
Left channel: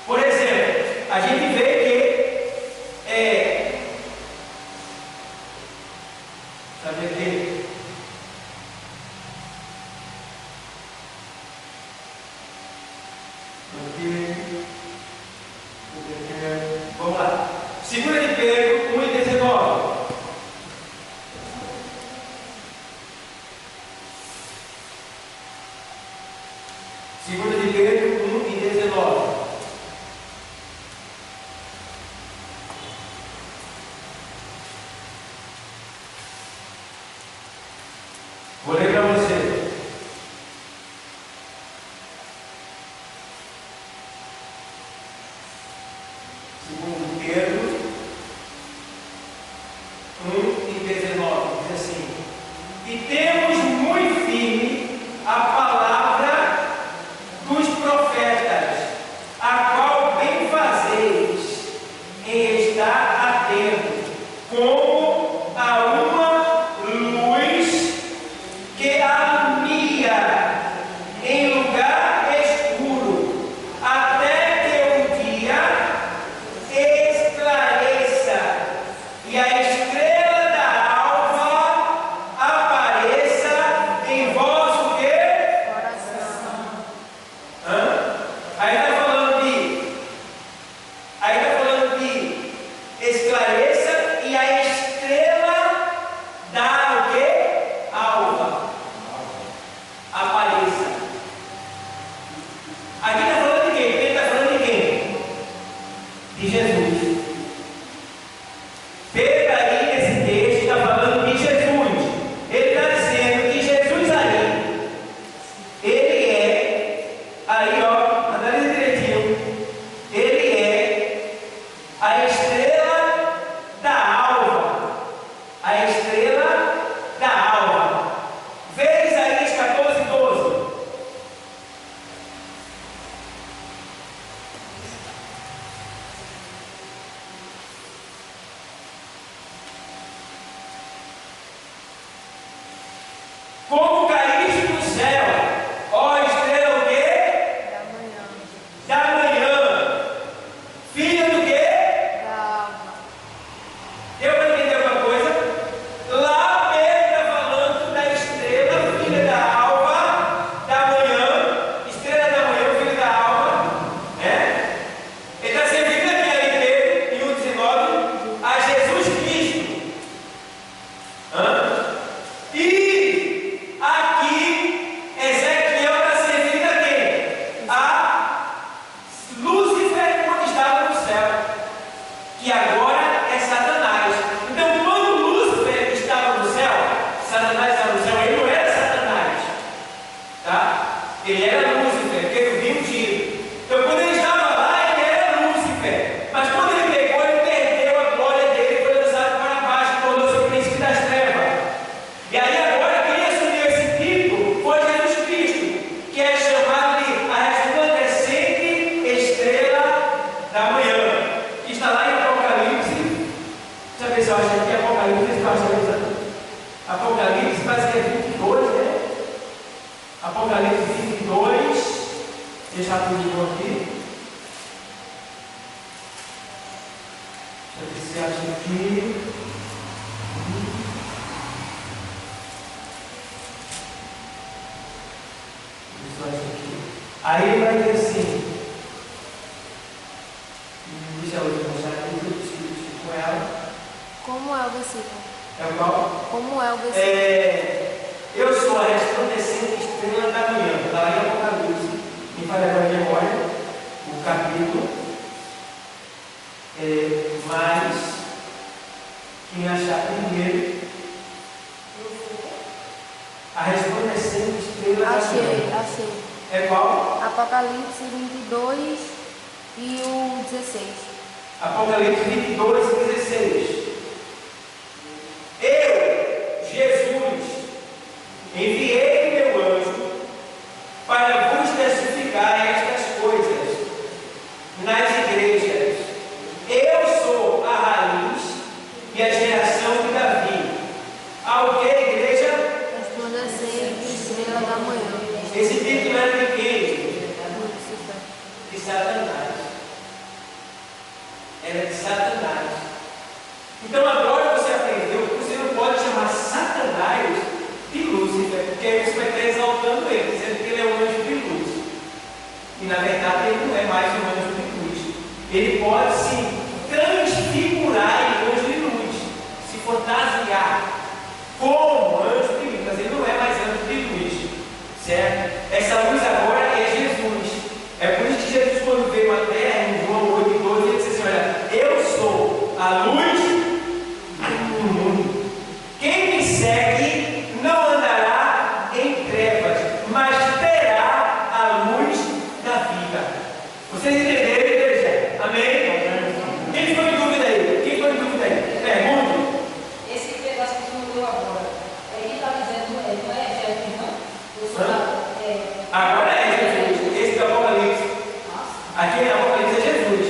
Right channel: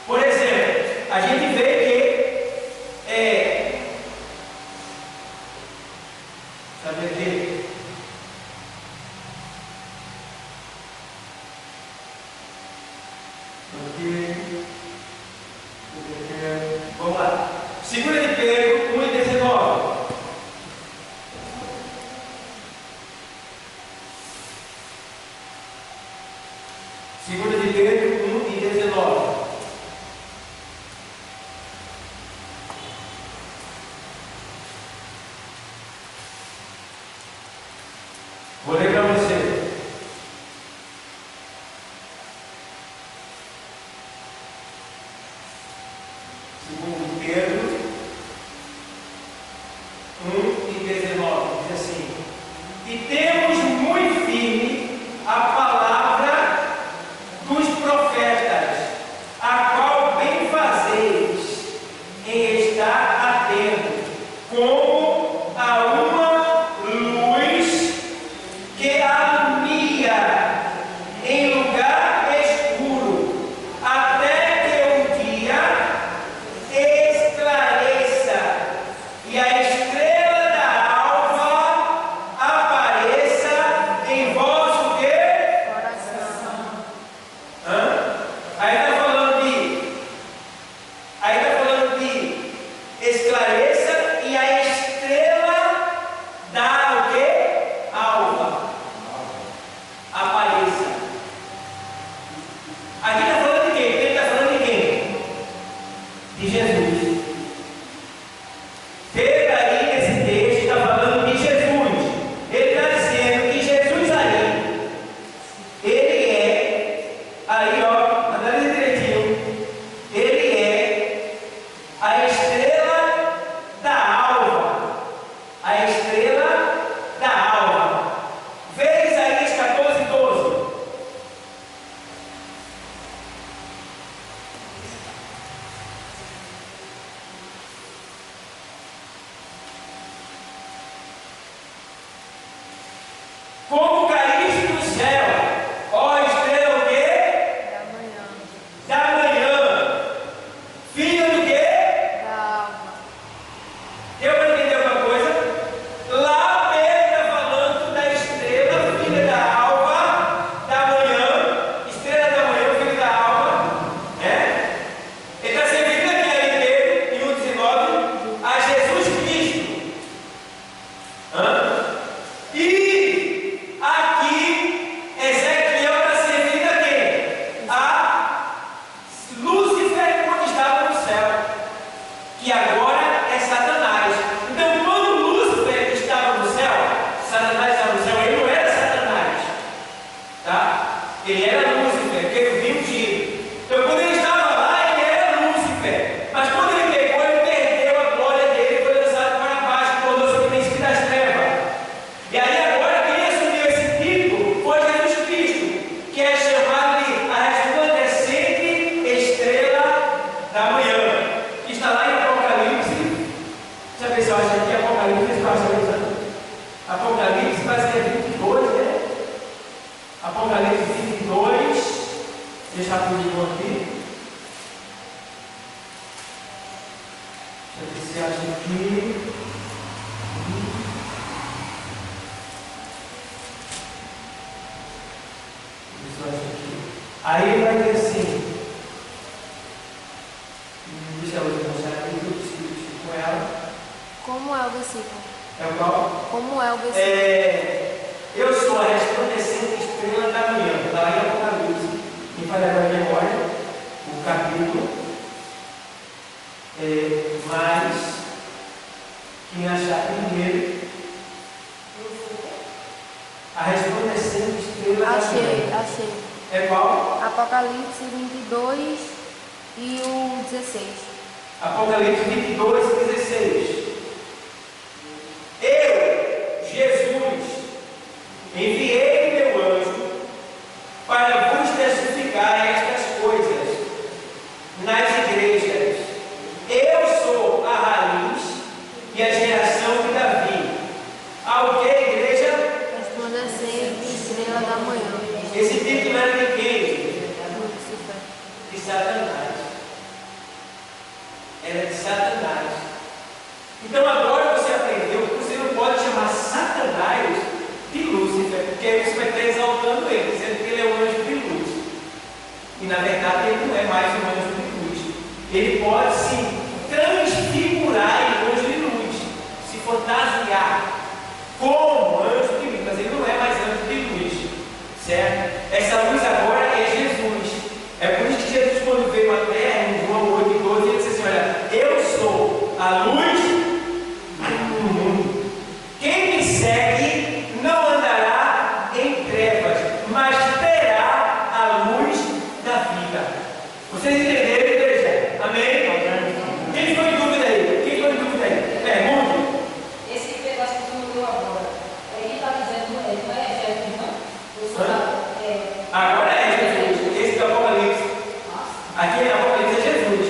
Por exemplo, a gente vê que sabe aqui? Vamos lá. 2 de Pedro 1:19. Segunda de Pedro 1:19. Vou ler para você. Segundo de Pedro 1:19 diz assim: e temos muito firme a palavra dos profetas, a qual bem fazeis em estar atento, como a uma luz que alumia em lugar escuro, até que o dia esclareça e a estrela da alva apareça em vosso quê? Coração. Aí está falando de esclareça e a estrela da o quê? Alva apareça. Aqui está falando de quem? Ele está falando de quem? De Jesus. Pedro aí nesse texto está falando de Jesus. Ele está dizendo que Jesus aí, ele é, aí ó, analisa direitinho, ele é a estrela da alva. A estrela da alva. Vê Isaías 14:12. Como caíste do céu, ó estrela o quê? Da manhã. Da manhã, filha do quê? Da alva. Deu para entender alguma coisa? Lá Pedro está falando da estrela, filha da alva, da manhã, estrela da manhã, filha da alva, né? Ele está se referindo aqui a Pedro, em 1:19, a Jesus Cristo. E a Aí ele vai dizer assim, deixa eu mostrar aqui que eu preciso com ela. Como é o versículo? É o qual? Como é o versículo? Eu sou a resplandecente estrela da manhã. Está lá em Apocalipse. Me falha agora a memória, o capítulo. Mas, quem achar primeiro, a resplandecente estrela da manhã. Achei. É qual? Apocalipse 22 e o 16. Apocalipse 22 e 16. Eu, Jesus, enviei o meu anjo para vos testificar estas coisas nas igrejas. Eu sou a raiz e a geração de Davi. Ao que a igreja? Resplandecente estrela da manhã. Esse título era de quem? Lúcifer. De Satanás. Era de Satanás. Então agora você aprendeu que você não pode chamar Satanás de Lúcifer, porque aí você vai estar exaltando ele, dizendo que ele é um anjo de luz. E na verdade ele não é mais um anjo de luz. Ele pode se transfigurar em anjo de luz, se fantasiar como anjo de luz, mas ele não é mais anjo de luz. Certo? Essa luz agora é Jesus. É por isso que Jesus, quando veio à terra, em João 8:12, ele disse assim: olha, eu sou a luz do mundo. Quem me segue não andará em trevas, mas terá a luz da vida. Vocês entenderam, igreja? Amém? Quem ficou em dúvida aí? Pergunte. Esse pedaço que tu leu agora, ele está dizendo, não é Jesus, não? Agora é Jesus. Esse do Apocalipse. Aqui é Apocalipse é Jesus.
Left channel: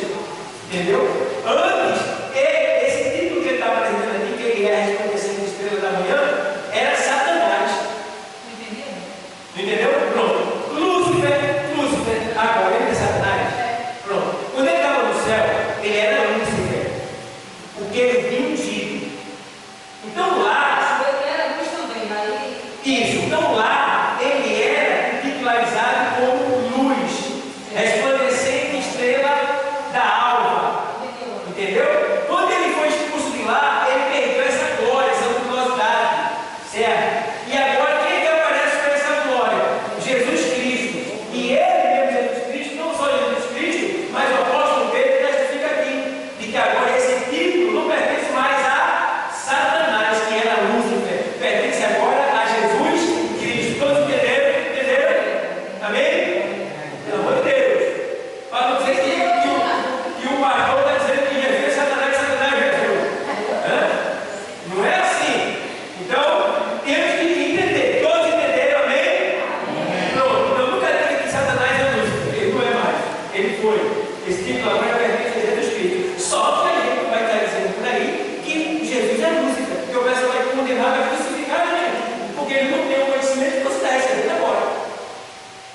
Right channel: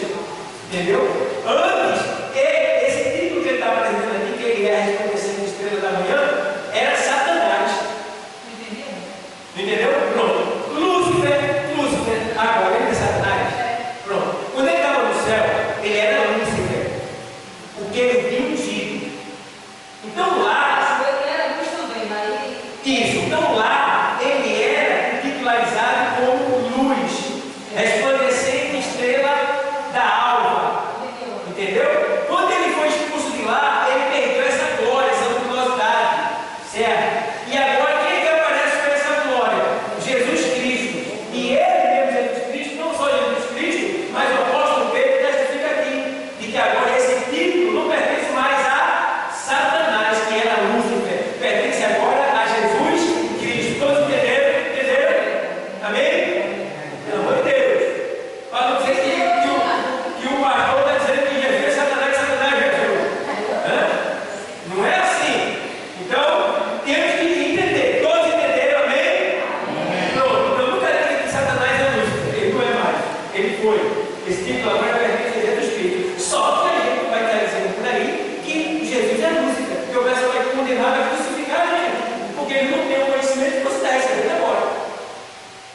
Entendeu? Antes, esse título que ele está apresentando aqui, que ele é a resplandecente estrela da manhã, era Satanás. Não entendeu? Pronto. Lúcifer, agora ele é Satanás. Pronto. Quando ele estava no céu, ele era Lúcifer. Porque ele tinha ungido. Então lá. Ele era luz também, aí. Isso. Então lá, ele era titularizado como luz, resplandecente estrela da alva. Entendeu? Quando ele foi expulso de lá, ele perdeu essa glória, essa luminosidade. Certo? E agora quem é que aparece com essa glória? Jesus Cristo. E ele mesmo, Jesus Cristo, não só Jesus Cristo, mas o apóstolo Pedro testifica aqui, de que agora esse título não pertence mais a Satanás, que era Lúcifer. Pertence agora a Jesus Cristo. Todos entenderam? Amém? Pelo amor de Deus. Para não dizer que o pastor está dizendo que Jesus é Satanás Jesus. Não é assim. Então, temos que entender. Todos entenderam? Amém? Pronto. Então, nunca diga que Satanás é Lúcifer. Ele não é mais. Ele foi. Esse título agora pertence a Jesus Cristo. Só que a gente vai estar dizendo por aí que Jesus é Lúcifer. Porque o pessoal vai condenar, vai crucificar a gente. Porque ele não tem o conhecimento que você está recebendo agora.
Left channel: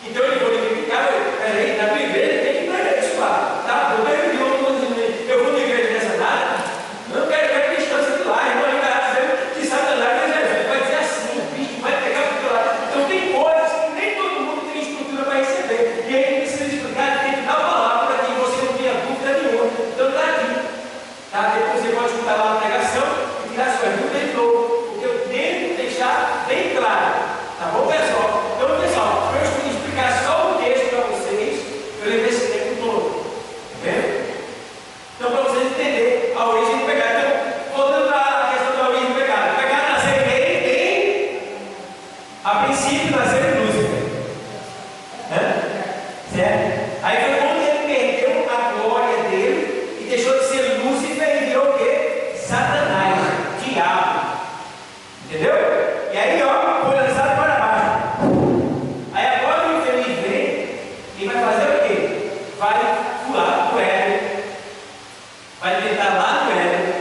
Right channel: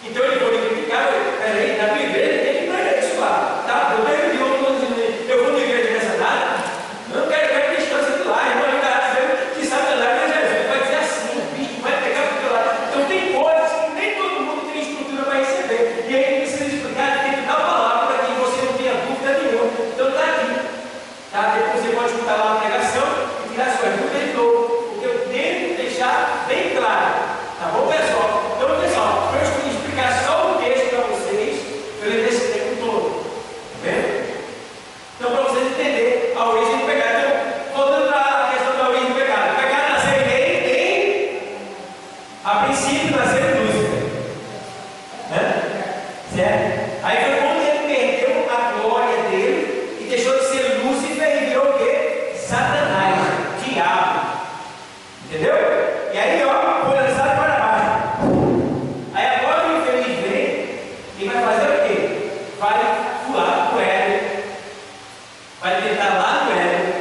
Então ele foi criticar, peraí, na tua igreja tem que pregar isso lá. Tá? Eu tenho de outro dizendo, eu vou na igreja dessa nada, não quero distância de lá, irmão, ele está dizendo que Satanás é Jesus. Vai dizer assim, o bicho vai pegar para o teu lado. Então tem coisas que nem todo mundo tem estrutura para receber. E aí precisa explicar, tem que dar a palavra para que você não tenha dúvida nenhuma. Então está aqui. Tá? Depois você pode escutar lá a pregação e tirar suas dúvidas de novo. Porque eu tento deixar bem claro. Tá bom, pessoal? Então, pessoal, eu estou explicar só o texto para vocês, eu levei esse tempo todo. Tá vendo? Então, para vocês entenderem a origem do pecado. Então, voltando para a questão da origem do pecado. O pecado nasceu a princípio nasceu em Lúcifer. Certo? Aí foi quando ele perdeu a glória dele e deixou de ser Lúcifer e virou o quê? Satanás, diabo. Entendeu? E aí, ó, foi lançado para baixo. Aí agora o infeliz vem e vai fazer o quê? Vai pular no Éden. Vai tentar lá no Éden.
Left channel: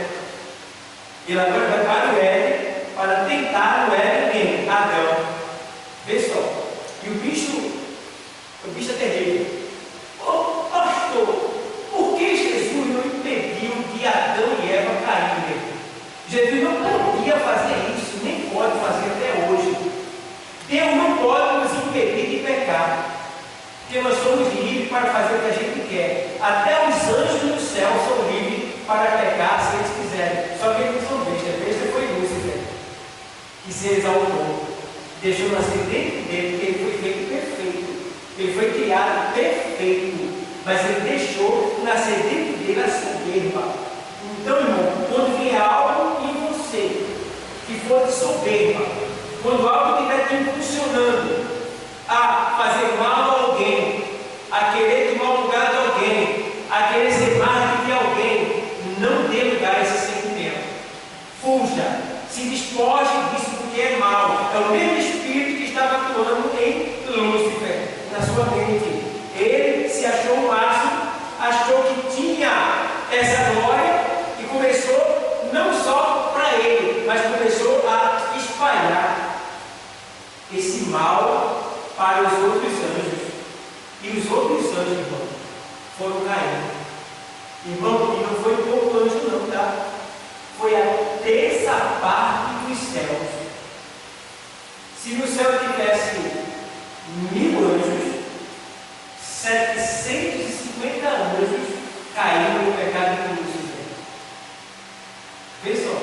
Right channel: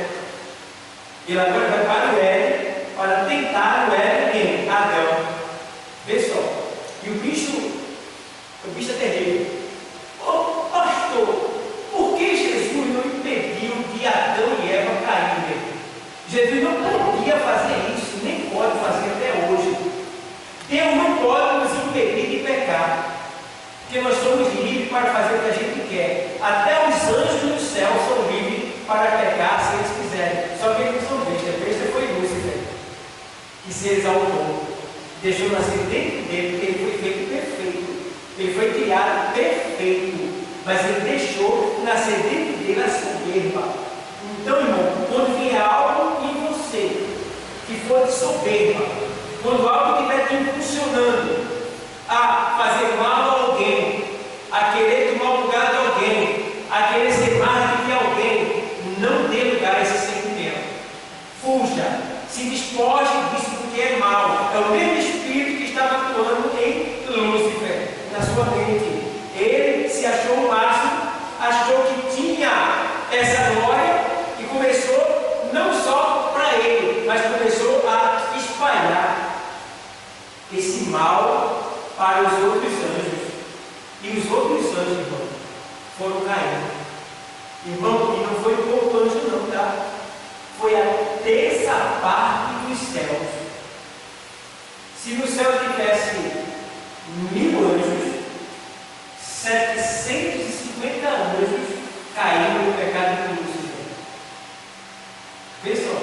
Ele agora vai para o Éden para tentar no Éden quem? Adão. Vê só. E o bicho é terrível. Ô, pastor, por que Jesus não impediu de Adão e Eva caírem? Jesus não podia fazer isso, nem pode fazer até hoje. Deus não pode nos impedir de pecar. Porque nós somos livres para fazer o que a gente quer. Até os anjos do céu são livres para pecar se eles quiserem. Só que eles não são bestas. Besta foi Lúcifer, que se exaltou. Deixou nascer dentro dele, porque ele foi feito perfeito. Ele foi criado perfeito. Mas ele deixou nascer dentro dele a soberba. Então, irmão, quando vier algo em você que for de soberba, quando algo estiver te impulsionando a fazer mal a alguém, a querer tomar o lugar de alguém, a querer ser mais do que alguém, não dê lugar a esse sentimento. Fuja, se despoje disso porque é mal. É o mesmo espírito que estava atuando em Lúcifer, na sua mente. Ele se achou o máximo, achou que tinha essa glória e começou não só para ele, mas começou a espalhar esse mal para os outros anjos. E os outros anjos, irmão, foram caindo. Irmão, e não foi pouco anjo não, tá? Foi a terça parte dos céus. Se no céu tivesse 1000 anjos, 750 anjos caíram no pecado de Lúcifer. Vê só,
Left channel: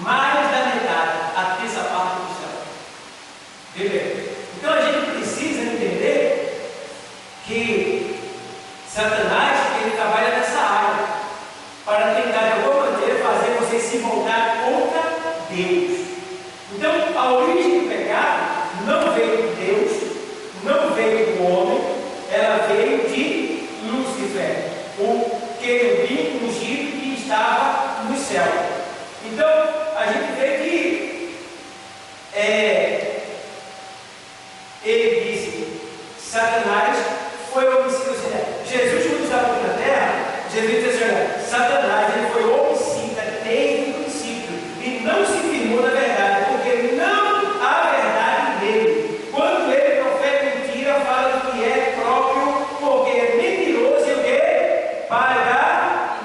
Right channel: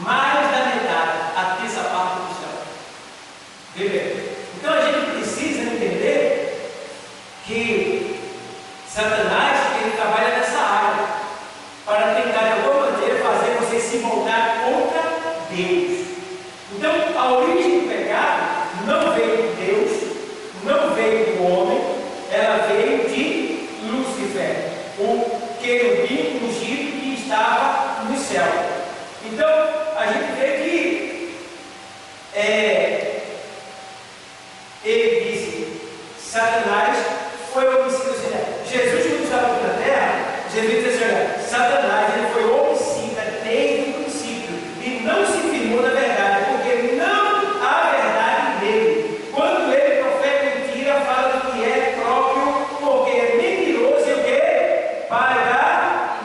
mais da metade, a terça parte do céu. Vê bem. Então a gente precisa entender que Satanás, ele trabalha nessa área para tentar de alguma maneira fazer você se voltar contra Deus. Então a origem do pecado não veio de Deus, não veio do homem, ela veio de Lúcifer, o querubim ungido que estava no céu. Então a gente vê que ele disse, Satanás foi homicida. Jesus, quando estava aqui na terra, Jesus disse assim, olha, Satanás ele foi homicida desde o princípio e não se firmou na verdade, porque não há verdade nele. Quando ele profeta mentira, fala do que é próprio, porque é mentiroso e o quê? Para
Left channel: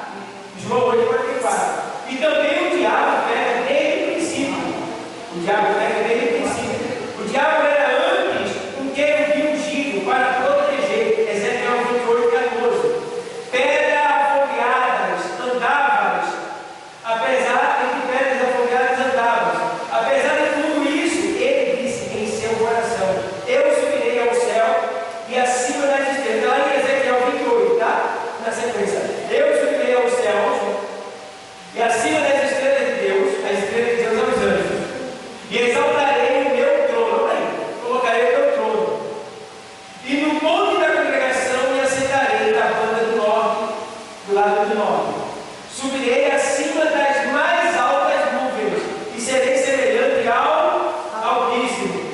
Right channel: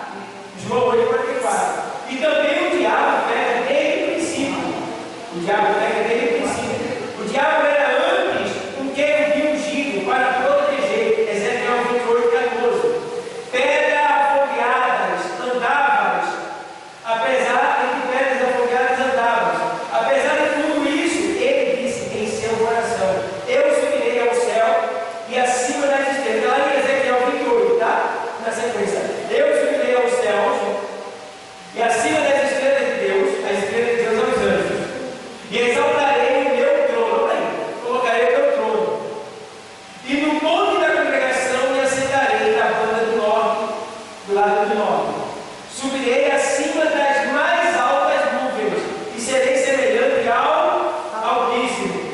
João 8,44. E também o diabo pega desde o princípio. O diabo pega desde o princípio. O diabo era antes um querubim ungido para proteger. Ezequiel 28,14. Pedras afogueadas andavas, apesar de que pedras afogueadas andavas. Apesar de tudo isso, ele disse em seu coração: eu subirei ao céu e acima das estrelas. Lá em Ezequiel 28, tá? Na sequência. Eu subirei aos céus e acima das estrelas de Deus, as estrelas de Deus são os anjos, e exaltarei o meu trono, colocarei o meu trono, e no monte da congregação me assentarei na banda do norte, do lado do norte. Subirei acima das mais altas nuvens e serei semelhante ao Altíssimo.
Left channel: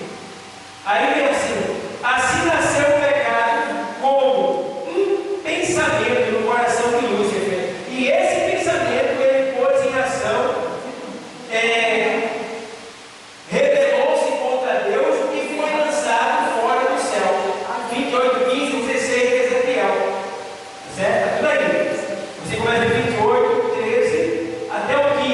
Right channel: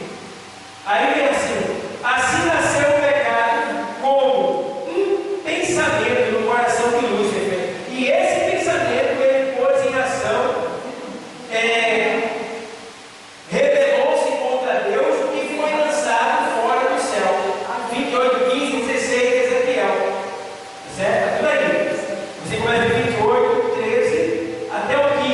Aí vem assim nasceu o pecado como um pensamento no coração de Lúcifer, e esse pensamento ele pôs em ação, rebelou-se contra Deus e foi lançado fora do céu. 28, 15, 16 de Ezequiel, certo? Tudo aí. Você começa de 28, 13 até o 15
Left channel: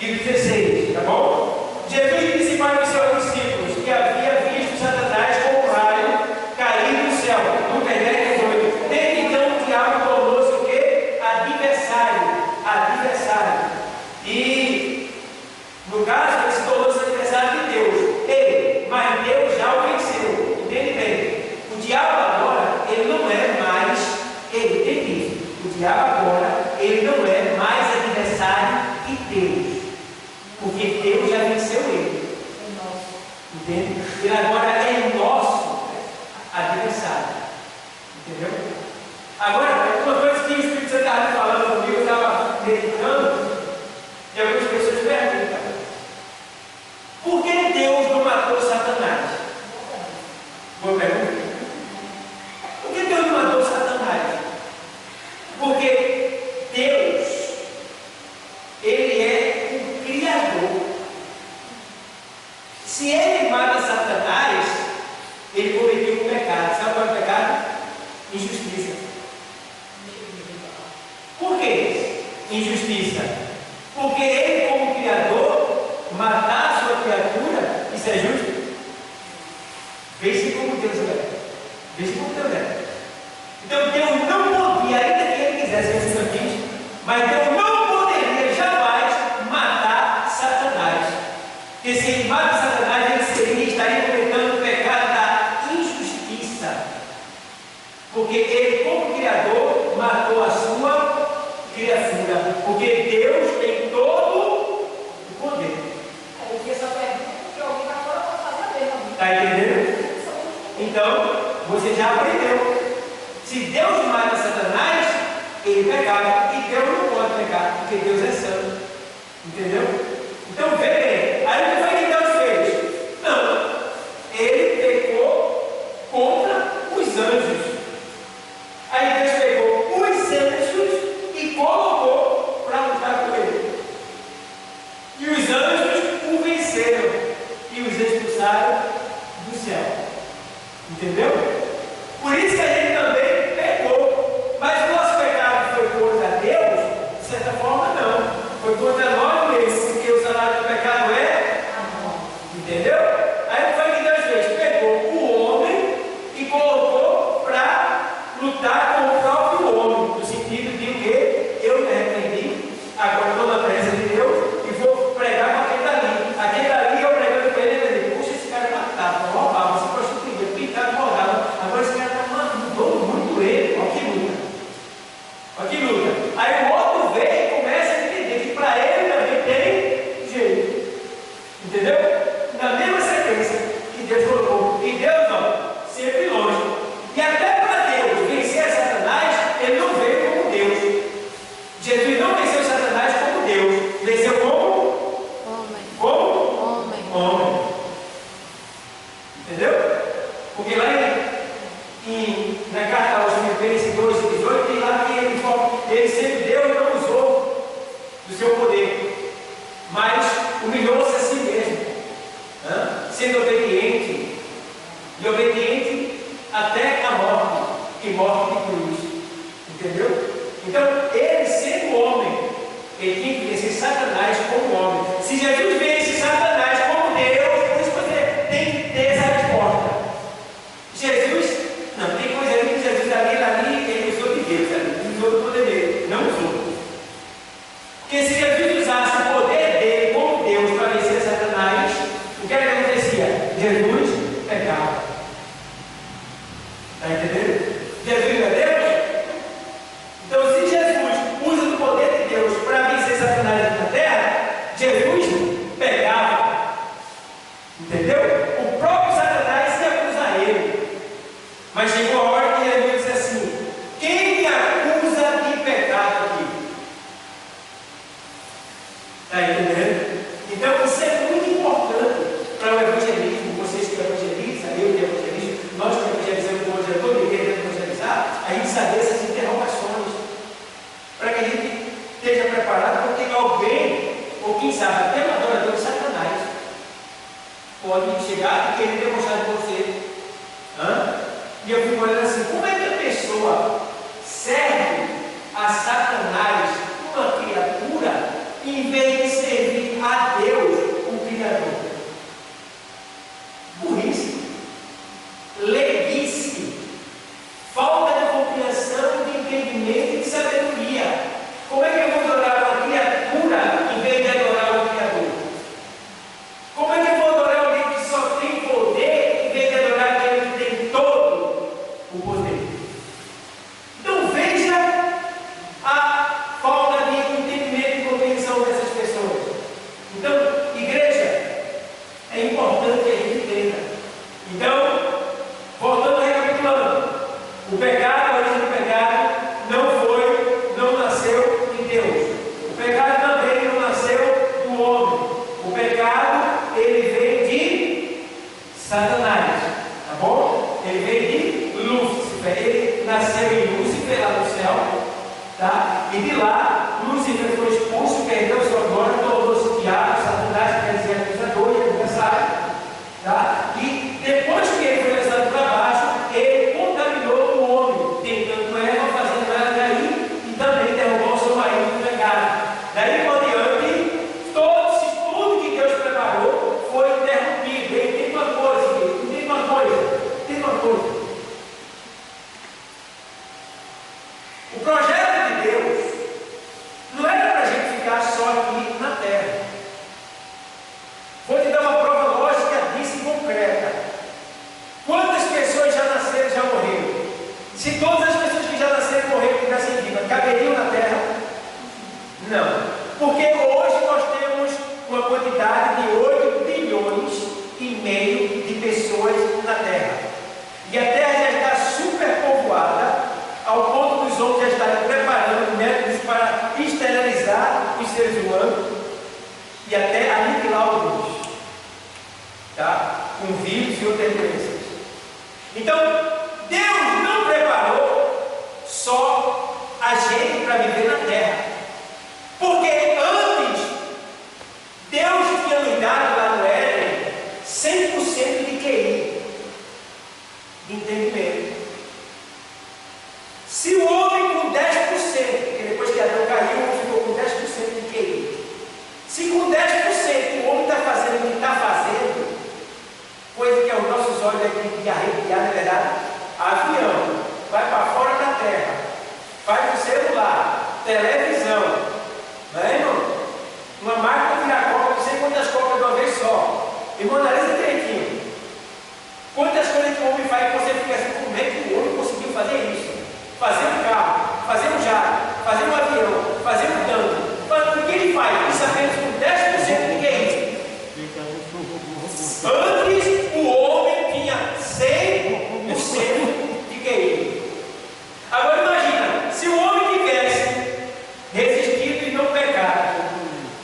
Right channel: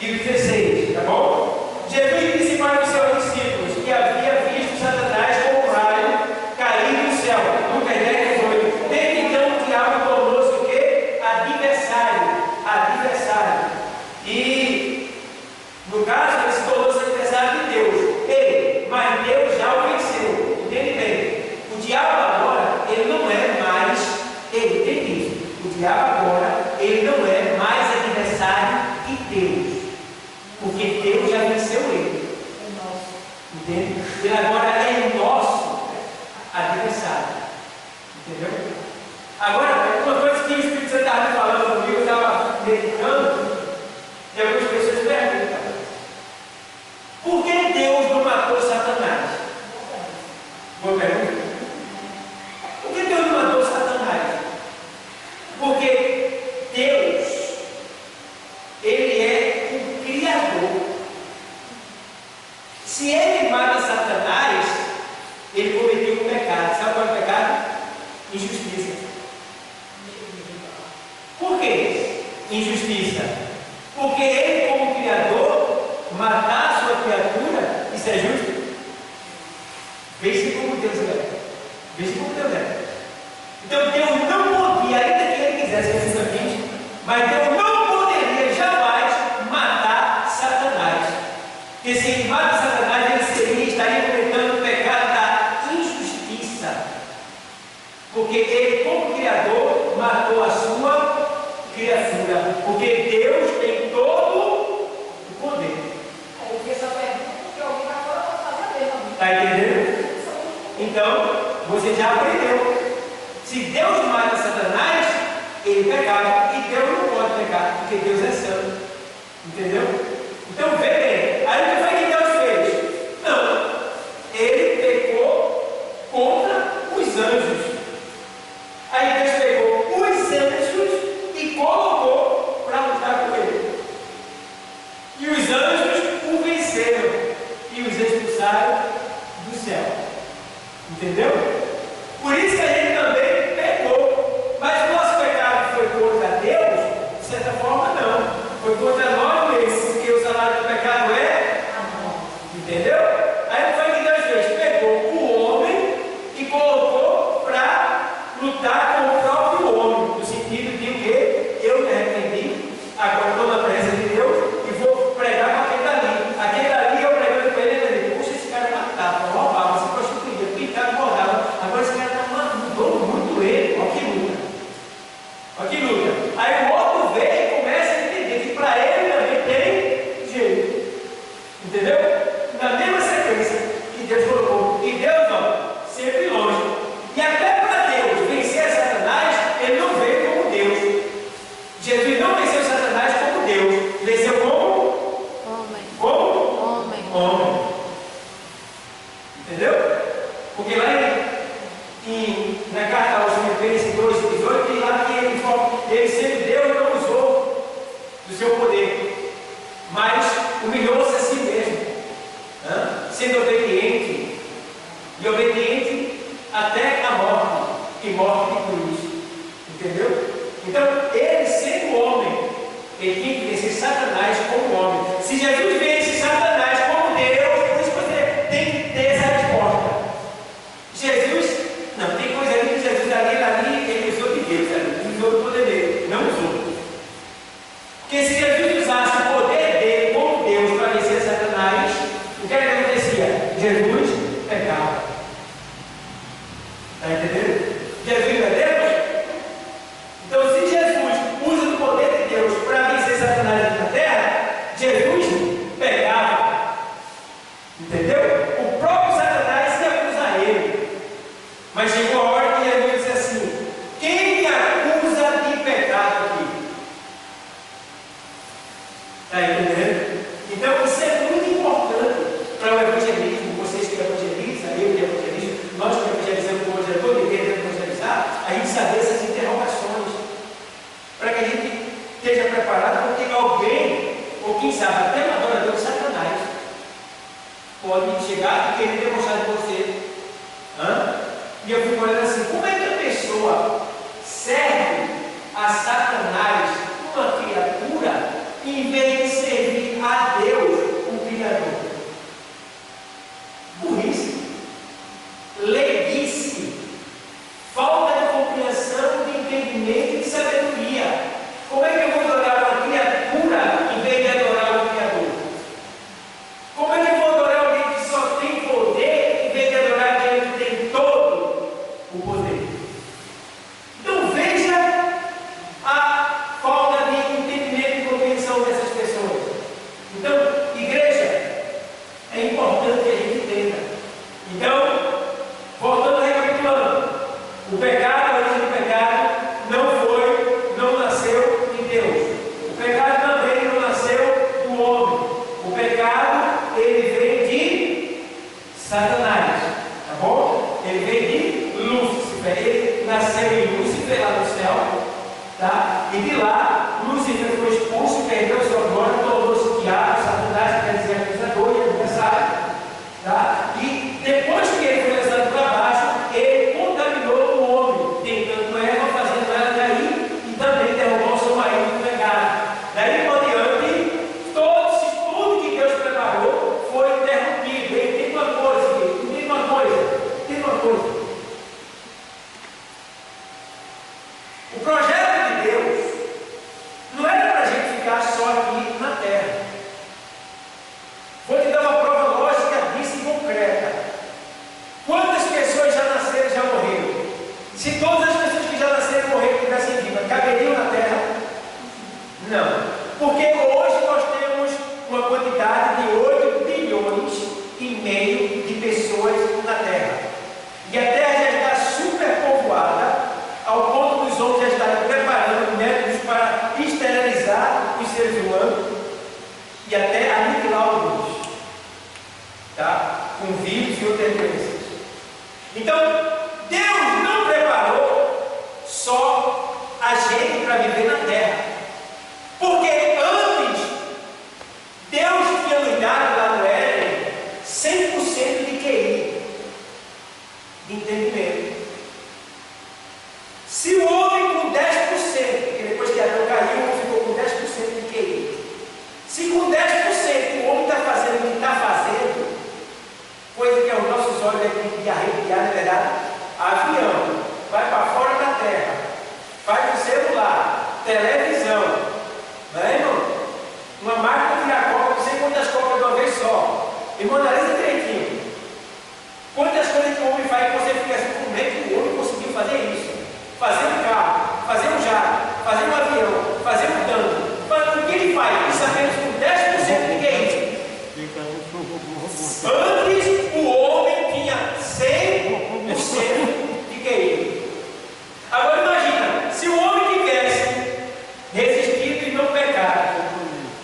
e o 16, tá bom? Jesus disse para os seus discípulos que havia visto Satanás como um raio cair do céu. Lucas 10, 18. Desde então o diabo tornou-se o quê? Adversário. E no caso ele se tornou-se adversário de Deus. Mas Deus já o venceu. Entende bem? O diabo agora, ele não é mais, entende isso? O diabo agora, ele não é mais adversário de Deus, porque Deus já venceu ele. Entende? Ele agora é nosso adversário. Entendeu? Agora, uma coisa que o Espírito Santo estava falando comigo, eu estava meditando, e algumas pessoas perguntam: por que Deus não matou Satanás? Boa pergunta. Por que Deus não matou Satanás? Porque Deus, ele é o Criador. Se ele mata Satanás, ele cometeu um pecado. Sabe qual é o pecado? Injustiça. Por que injustiça? Porque ele, como Criador, matar a sua criatura, isso é justo? Veja como Deus é. Veja como Deus Está entendendo? Então, você já aprendeu. Se Deus mata Satanás, ele pecava. E Deus não pode pecar, porque Deus é santo. Entendeu? Então, vê bem. Aí o que foi que Deus fez? Não. Ele pecou contra os anjos. Aí Deus pegou os anjos e colocou para lutar com ele. E os anjos o venceram e os expulsaram do céu. Entendeu? Por isso que a gente também pecou. Mas o nosso pecado foi contra Deus? De certa forma, não. Foi contra nós mesmos, porque o salário do pecado é amor. Entendeu? Aí o que foi que Deus fez? Pegou o homem e colocou para lutar com o próprio homem. No sentido de o quê? Eu me arrependi, agora estou na presença de Deus e vou pregar com aquele dali. Aquele dali eu pregando com ele, ele diz, puxa, esse cara matava, roubava, se prostituía, pintava, mordava. Agora esse cara está mudando muito ele. Olha que luta. Olha que luta. Aí o outro vem e começa a entender que para ele também tem jeito. Entendeu? Na mesma sequência que Deus colocou. E Deus, ó, sempre longe. E até para Deus vencer Satanás, ele não veio como Deus. Jesus não venceu Satanás como Deus. Venceu como? Homem. Como? Homem. Homem. Entendeu? Porque lá na carta aos Filipenses 2:18 tem lá que ele sendo Deus não usou do seu poder, mas humilhou-se a si mesmo, sendo obediente, e obediente até a morte, e morte de cruz. Entendeu? Então, ele sendo homem, ele tinha que vencer Satanás como homem. Se Jesus vence Satanás como Deus, por isso você tem que ter essa resposta. Jesus, não, tem coisa ali que Jesus ali, ele usou de Deus, ele usou do poder dele, não usou. Porque se Jesus usasse o poder dele como Deus para vencer Satanás, o que acontecia? Jesus pecava. Está entendendo? Jesus não é Deus? Então, se Jesus usa do poder de Deus para vencer Satanás na terra, Jesus pegava. Entendeu? O próprio Satanás se acusa a ele. Mas chegou a hora que Jesus disse assim: quem me acusa de pecado aqui? Está entendendo? Então, isso é muito importante para o evangelismo. Vocês que evangelizam, eu que evangelizo, nós que evangelizamos o hoje, todo mundo querendo evangelizar, a gente saber essas interrogações, para que a gente esteja preparado, porque alguém, ou quem sabe até um adorador de Satanás, pode chegar e querer demonstrar de você. E eu fico olhando assim, como é que a pessoa serve a Satanás, uma criatura, em vez de servir a Deus, o Criador? Burrice, leguice, falta de compreensão, de entendimento e de sabedoria. Como é que eu vou adorar uma criatura em vez de adorar o Criador? Como é que eu vou adorar alguém que só tem poder em vez de adorar aquele que tem todo o poder? Então veja a falta de entendimento e compreensão dessas pessoas. Então, igreja, é importante que a gente entenda. Então, voltando recapitulando, o pecado, a origem do pecado, não nasceu em Deus. O pecado também não nasceu do homem. O pecado, ele veio de Satanás, tá bom? Ele veio de Lúcifer. Ele nasceu em Lúcifer, lá no céu, tá? E de lá, Lúcifer foi expulso, perdeu sua glória, tornou-se diabo, Satanás, quer dizer, acusador e adversário, tá? E depois que ele foi lançado para baixo, ele contaminou o homem, tentando Eva, fazendo ela cair e também derrubou o seu marido no pecado. Daí por diante, tudo que Deus preparou foi interrompido. E tem uma coisa. O projeto de Deus não era para a gente ficar só aqui na terra. Vou te dar uma prova lógica disso e concreta. Quantas pessoas já nasceram e já morreram? Se todas as pessoas que já nasceram e morreram tivessem viva, caberiam na terra? Não. Porque hoje nós temos uma quantidade de 8,5 bilhões de pessoas Então, Deus não preparou só a gente para viver na terra. Porque antes, Deus tinha nos dado lá no Éden 100% de QI, de entendimento. Se o homem com 10%, porque depois que Adão caiu, ficou com 10% de QI. Se com 10% o homem está fazendo o que está fazendo, coisa que aos nossos olhos é de arrepiar, na verdade, avião, vai para fora da terra, faz o celular, televisão, não é, irmão? Uma máquina de tirar copa, não sei quantas copas de uma vez só. Irmão, analisa direitinho. Quantas coisas que o homem faz que você fica assim, como é que o homem conseguiu fazer isso? Fazer um carro, fazer um jato, fazer um avião, fazer um tanque. O que ele faz? Isso apenas com 10% de QI. Antes o homem tinha 100% de QI. Agora imagina, se o homem tivesse resistido e não pecado,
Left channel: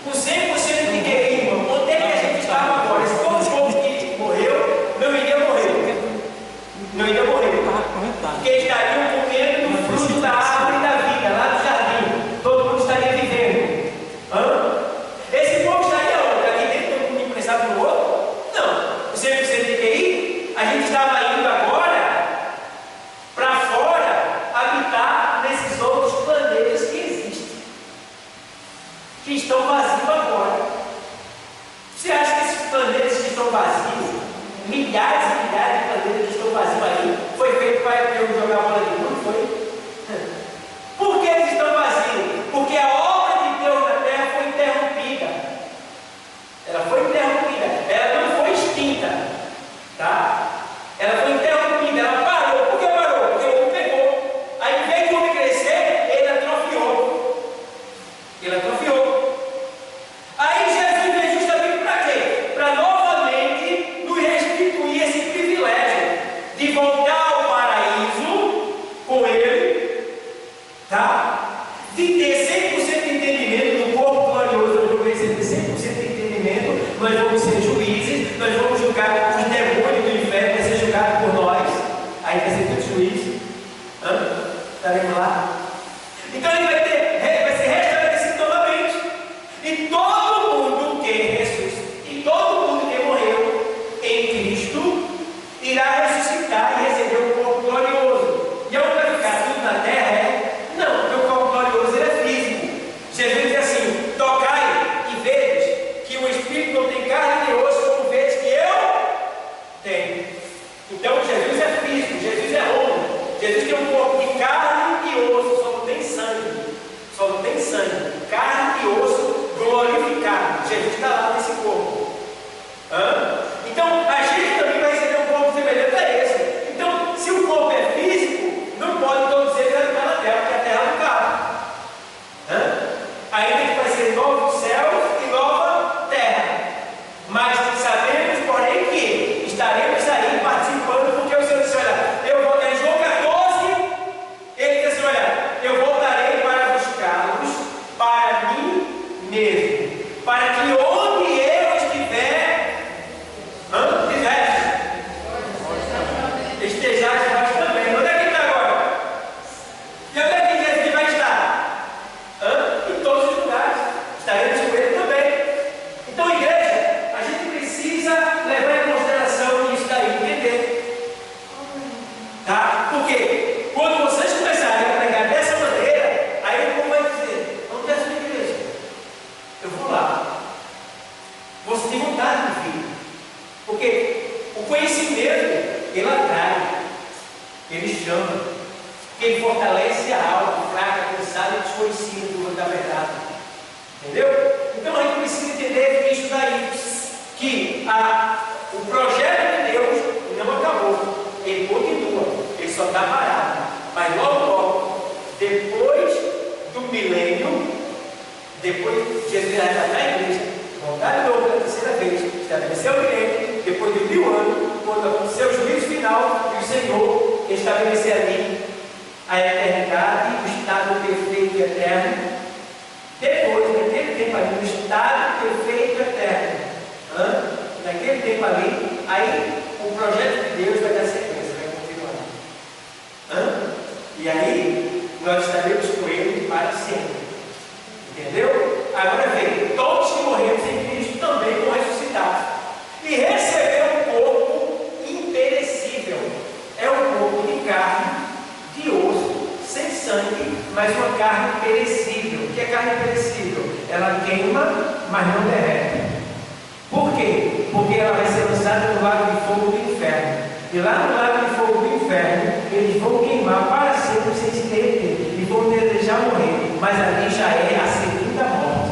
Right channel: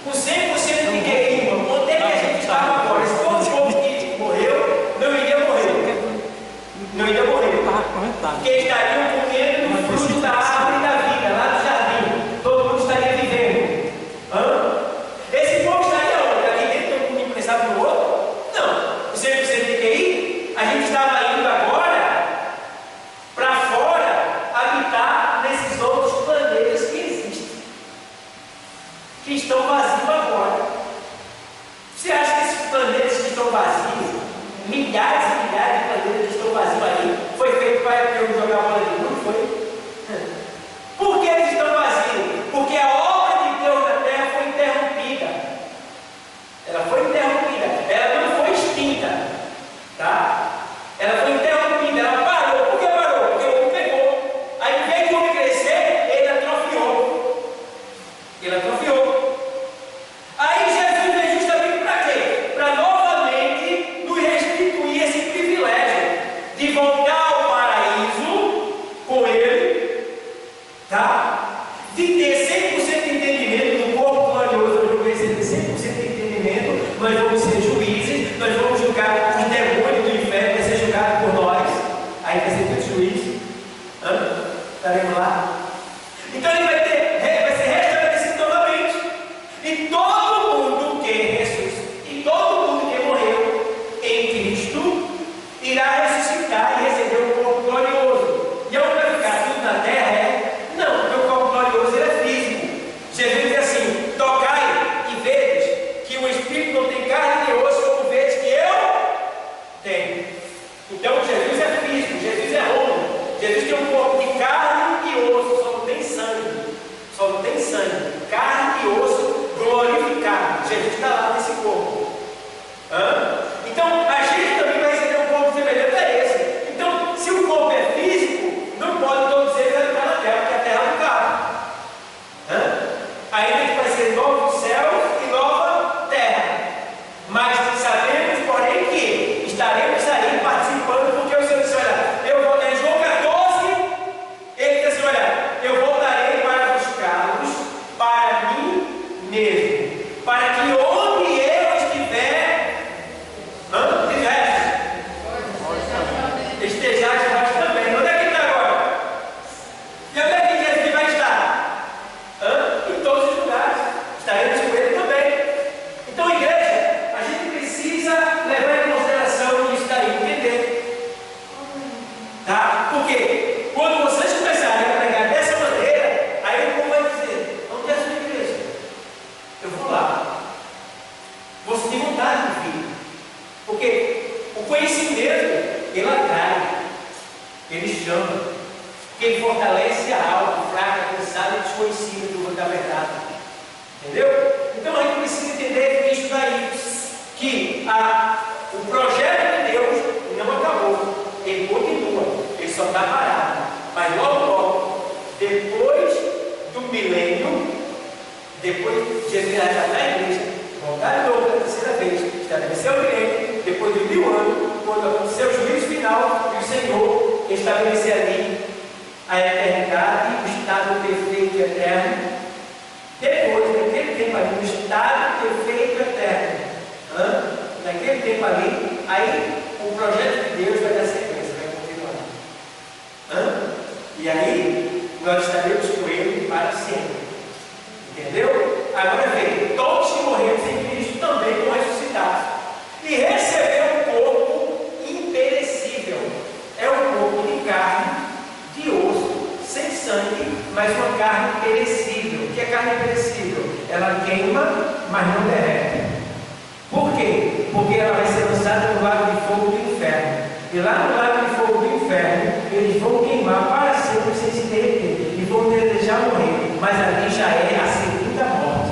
com 100% de QI, irmão, onde é que a gente estava agora? Se todo o povo que morreu, não iria morrer. Não iria morrer. Porque estariam comendo do fruto da árvore da vida, lá do jardim. Todo mundo estaria vivendo. Esse povo estaria onde? Ali dentro, todo mundo pensava no outro? Não. 100% de QI, a gente estava indo agora para fora habitar nesses outros planetas que existem, que estão vazios agora. Você acha que esses planetas que estão vazios, milhares e milhares de planetas que estão vazios aí, foi feito para eu jogar bola de novo? Não foi? Por que eles estão vazios? Porque a obra de Deus na terra foi interrompida. Ela foi interrompida, ela não foi extinta, tá? Ela foi interrompida, ela parou. Por que parou? Porque o homem pegou. Aí, em vez de o homem crescer, ele atrofiou. Ele atrofiou. Aí Jesus veio justamente para quê? Para novamente nos restituir esse privilégio de voltar ao paraíso com Ele, tá? De ter 100% de entendimento do corpo glorioso. Nós vamos receber 100% de entendimento. Nós vamos ser juízes. Nós vamos julgar os demônios do inferno. Vai ser julgado por nós. Aí vai ser tudo juiz. Estaremos lá. Então ele vai ser restabelecido novamente. E todo mundo que ressuscitou, e todo mundo que morreu em Cristo irá ressuscitar e receber um corpo glorioso. E onde vai ficar tudo na terra? Não, porque o corpo glorioso ele é físico. Jesus diz assim: tocai e vedes que o Espírito não tem carne nem osso, como vedes que eu tenho. Então Jesus é físico, Jesus é homem. Jesus tem um corpo de carne e osso, só não tem sangue. Só não tem sangue. Carne e osso glorificado. Jesus está lá nesse corpo. Então a gente também vai receber um corpo semelhante a esse. Então, se o corpo é físico, não pode todos eles habitar na terra, porque a terra não cabe. Ainda que vai ser novo céu e nova terra. Mas sabemos, porém, que estaremos aí participando, porque o Senhor disse: olha, eu vou em João 14, ele diz assim: olha, eu voltarei para buscá-los para mim mesmo, para que onde eu estiver, estejais vós também. Onde é que ele está agora? E onde é que Jesus vai estar? Em todos os lugares. Estaremos com ele também. Então, igreja, a gente precisa levar em consideração isso daí, entender. Tá? Porque quando vocês começarem a pregar dessa maneira, aí o povo vai dizer: onde é a sua igreja? Eu vou lá. Você tem vontade de vir. Porque o conhecimento, ele atrai, ele chama, ele fortalece a alma fraca, cansada e desconhecida da verdade. Entendeu? Então a gente precisa entender isso daí, que o projeto de Deus não acabou, ele continua, ele só está parado. Mas logo, depois do milênio, depois Jesus já está na igreja, voltar de novo pela terceira vez, estabelecer o milênio, depois de 1000 anos, quando acontecer o juízo final, e o Senhor estabelecer ali a eternidade, o estado perfeito e eterno. Depois, naquele tempo ali, no estado perfeito e eterno, naquele tempo ali, aí o projeto de Deus vai dar sequência, vai nós estaremos com Ele para sempre. Entendeu? Agora vem, todos que morremos em Cristo também vão ressuscitar e receber um corpo imperecível. É um corpo de carne, de osso, sem sangue, mas uma carne perecível. O que é carne perecível? Ela queima, mas não derrete. Por quê? Porque ela vai ser lançada no lago de fogo do inferno. E lá no lago de fogo do inferno, eles vão queimar para sempre sem se derreter. E vão desejar morrer. Mas ali já é a segunda morte.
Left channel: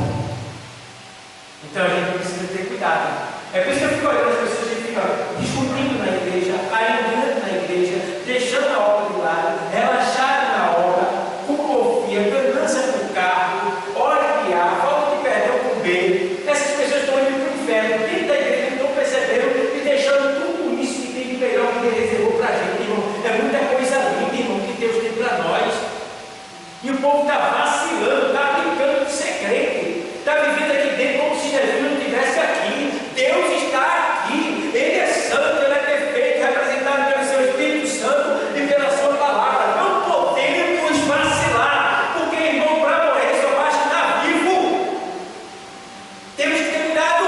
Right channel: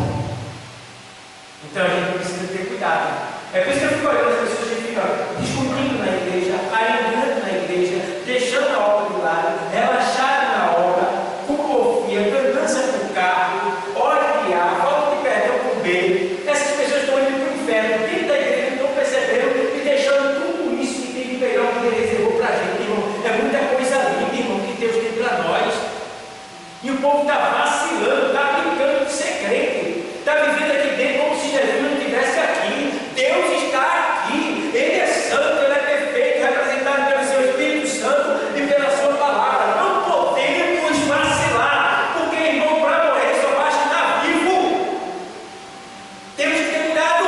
Então a gente precisa ter cuidado. É por isso que eu fico olhando as pessoas que ficam discutindo na igreja, arengando na igreja, deixando a obra de lado, relaxado na obra, com porfia, ganância com o carro, hora de A, falta de perdão com B. Essas pessoas estão indo para o inferno, dentro da igreja, não estão percebendo e deixando tudo isso que tem de melhor que Ele reservou para a gente, irmão. É muita coisa linda, irmão, que Deus tem para nós. E o povo está vacilando, está brincando de ser crente, está vivendo aqui dentro como se Jesus não estivesse aqui. Deus está aqui, Ele é santo, Ele é perfeito, representado pelo seu Espírito Santo e pela sua palavra. Não podemos vacilar, porque, irmão, para morrer só basta estar vivo. Temos que ter cuidado.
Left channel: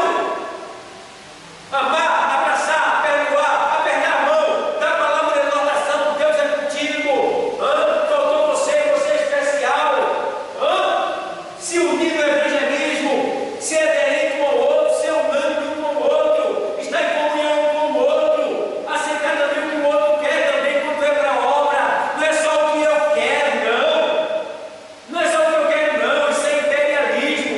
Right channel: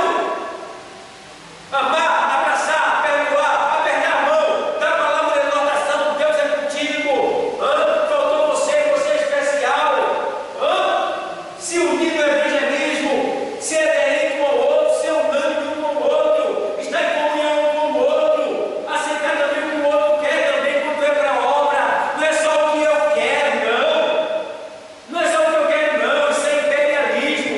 Amar, abraçar, perdoar, apertar a mão, dar palavra de exortação. Deus é contigo. Faltou você, você é especial. Se unir no evangelismo, se é aderente um ao outro, ser unânime um ao outro, estar em comunhão um com o outro, aceitar também o que o outro quer também quando é para a obra. Não é só o que eu quero, não. Não é só o que eu quero, não. Isso é imperialismo.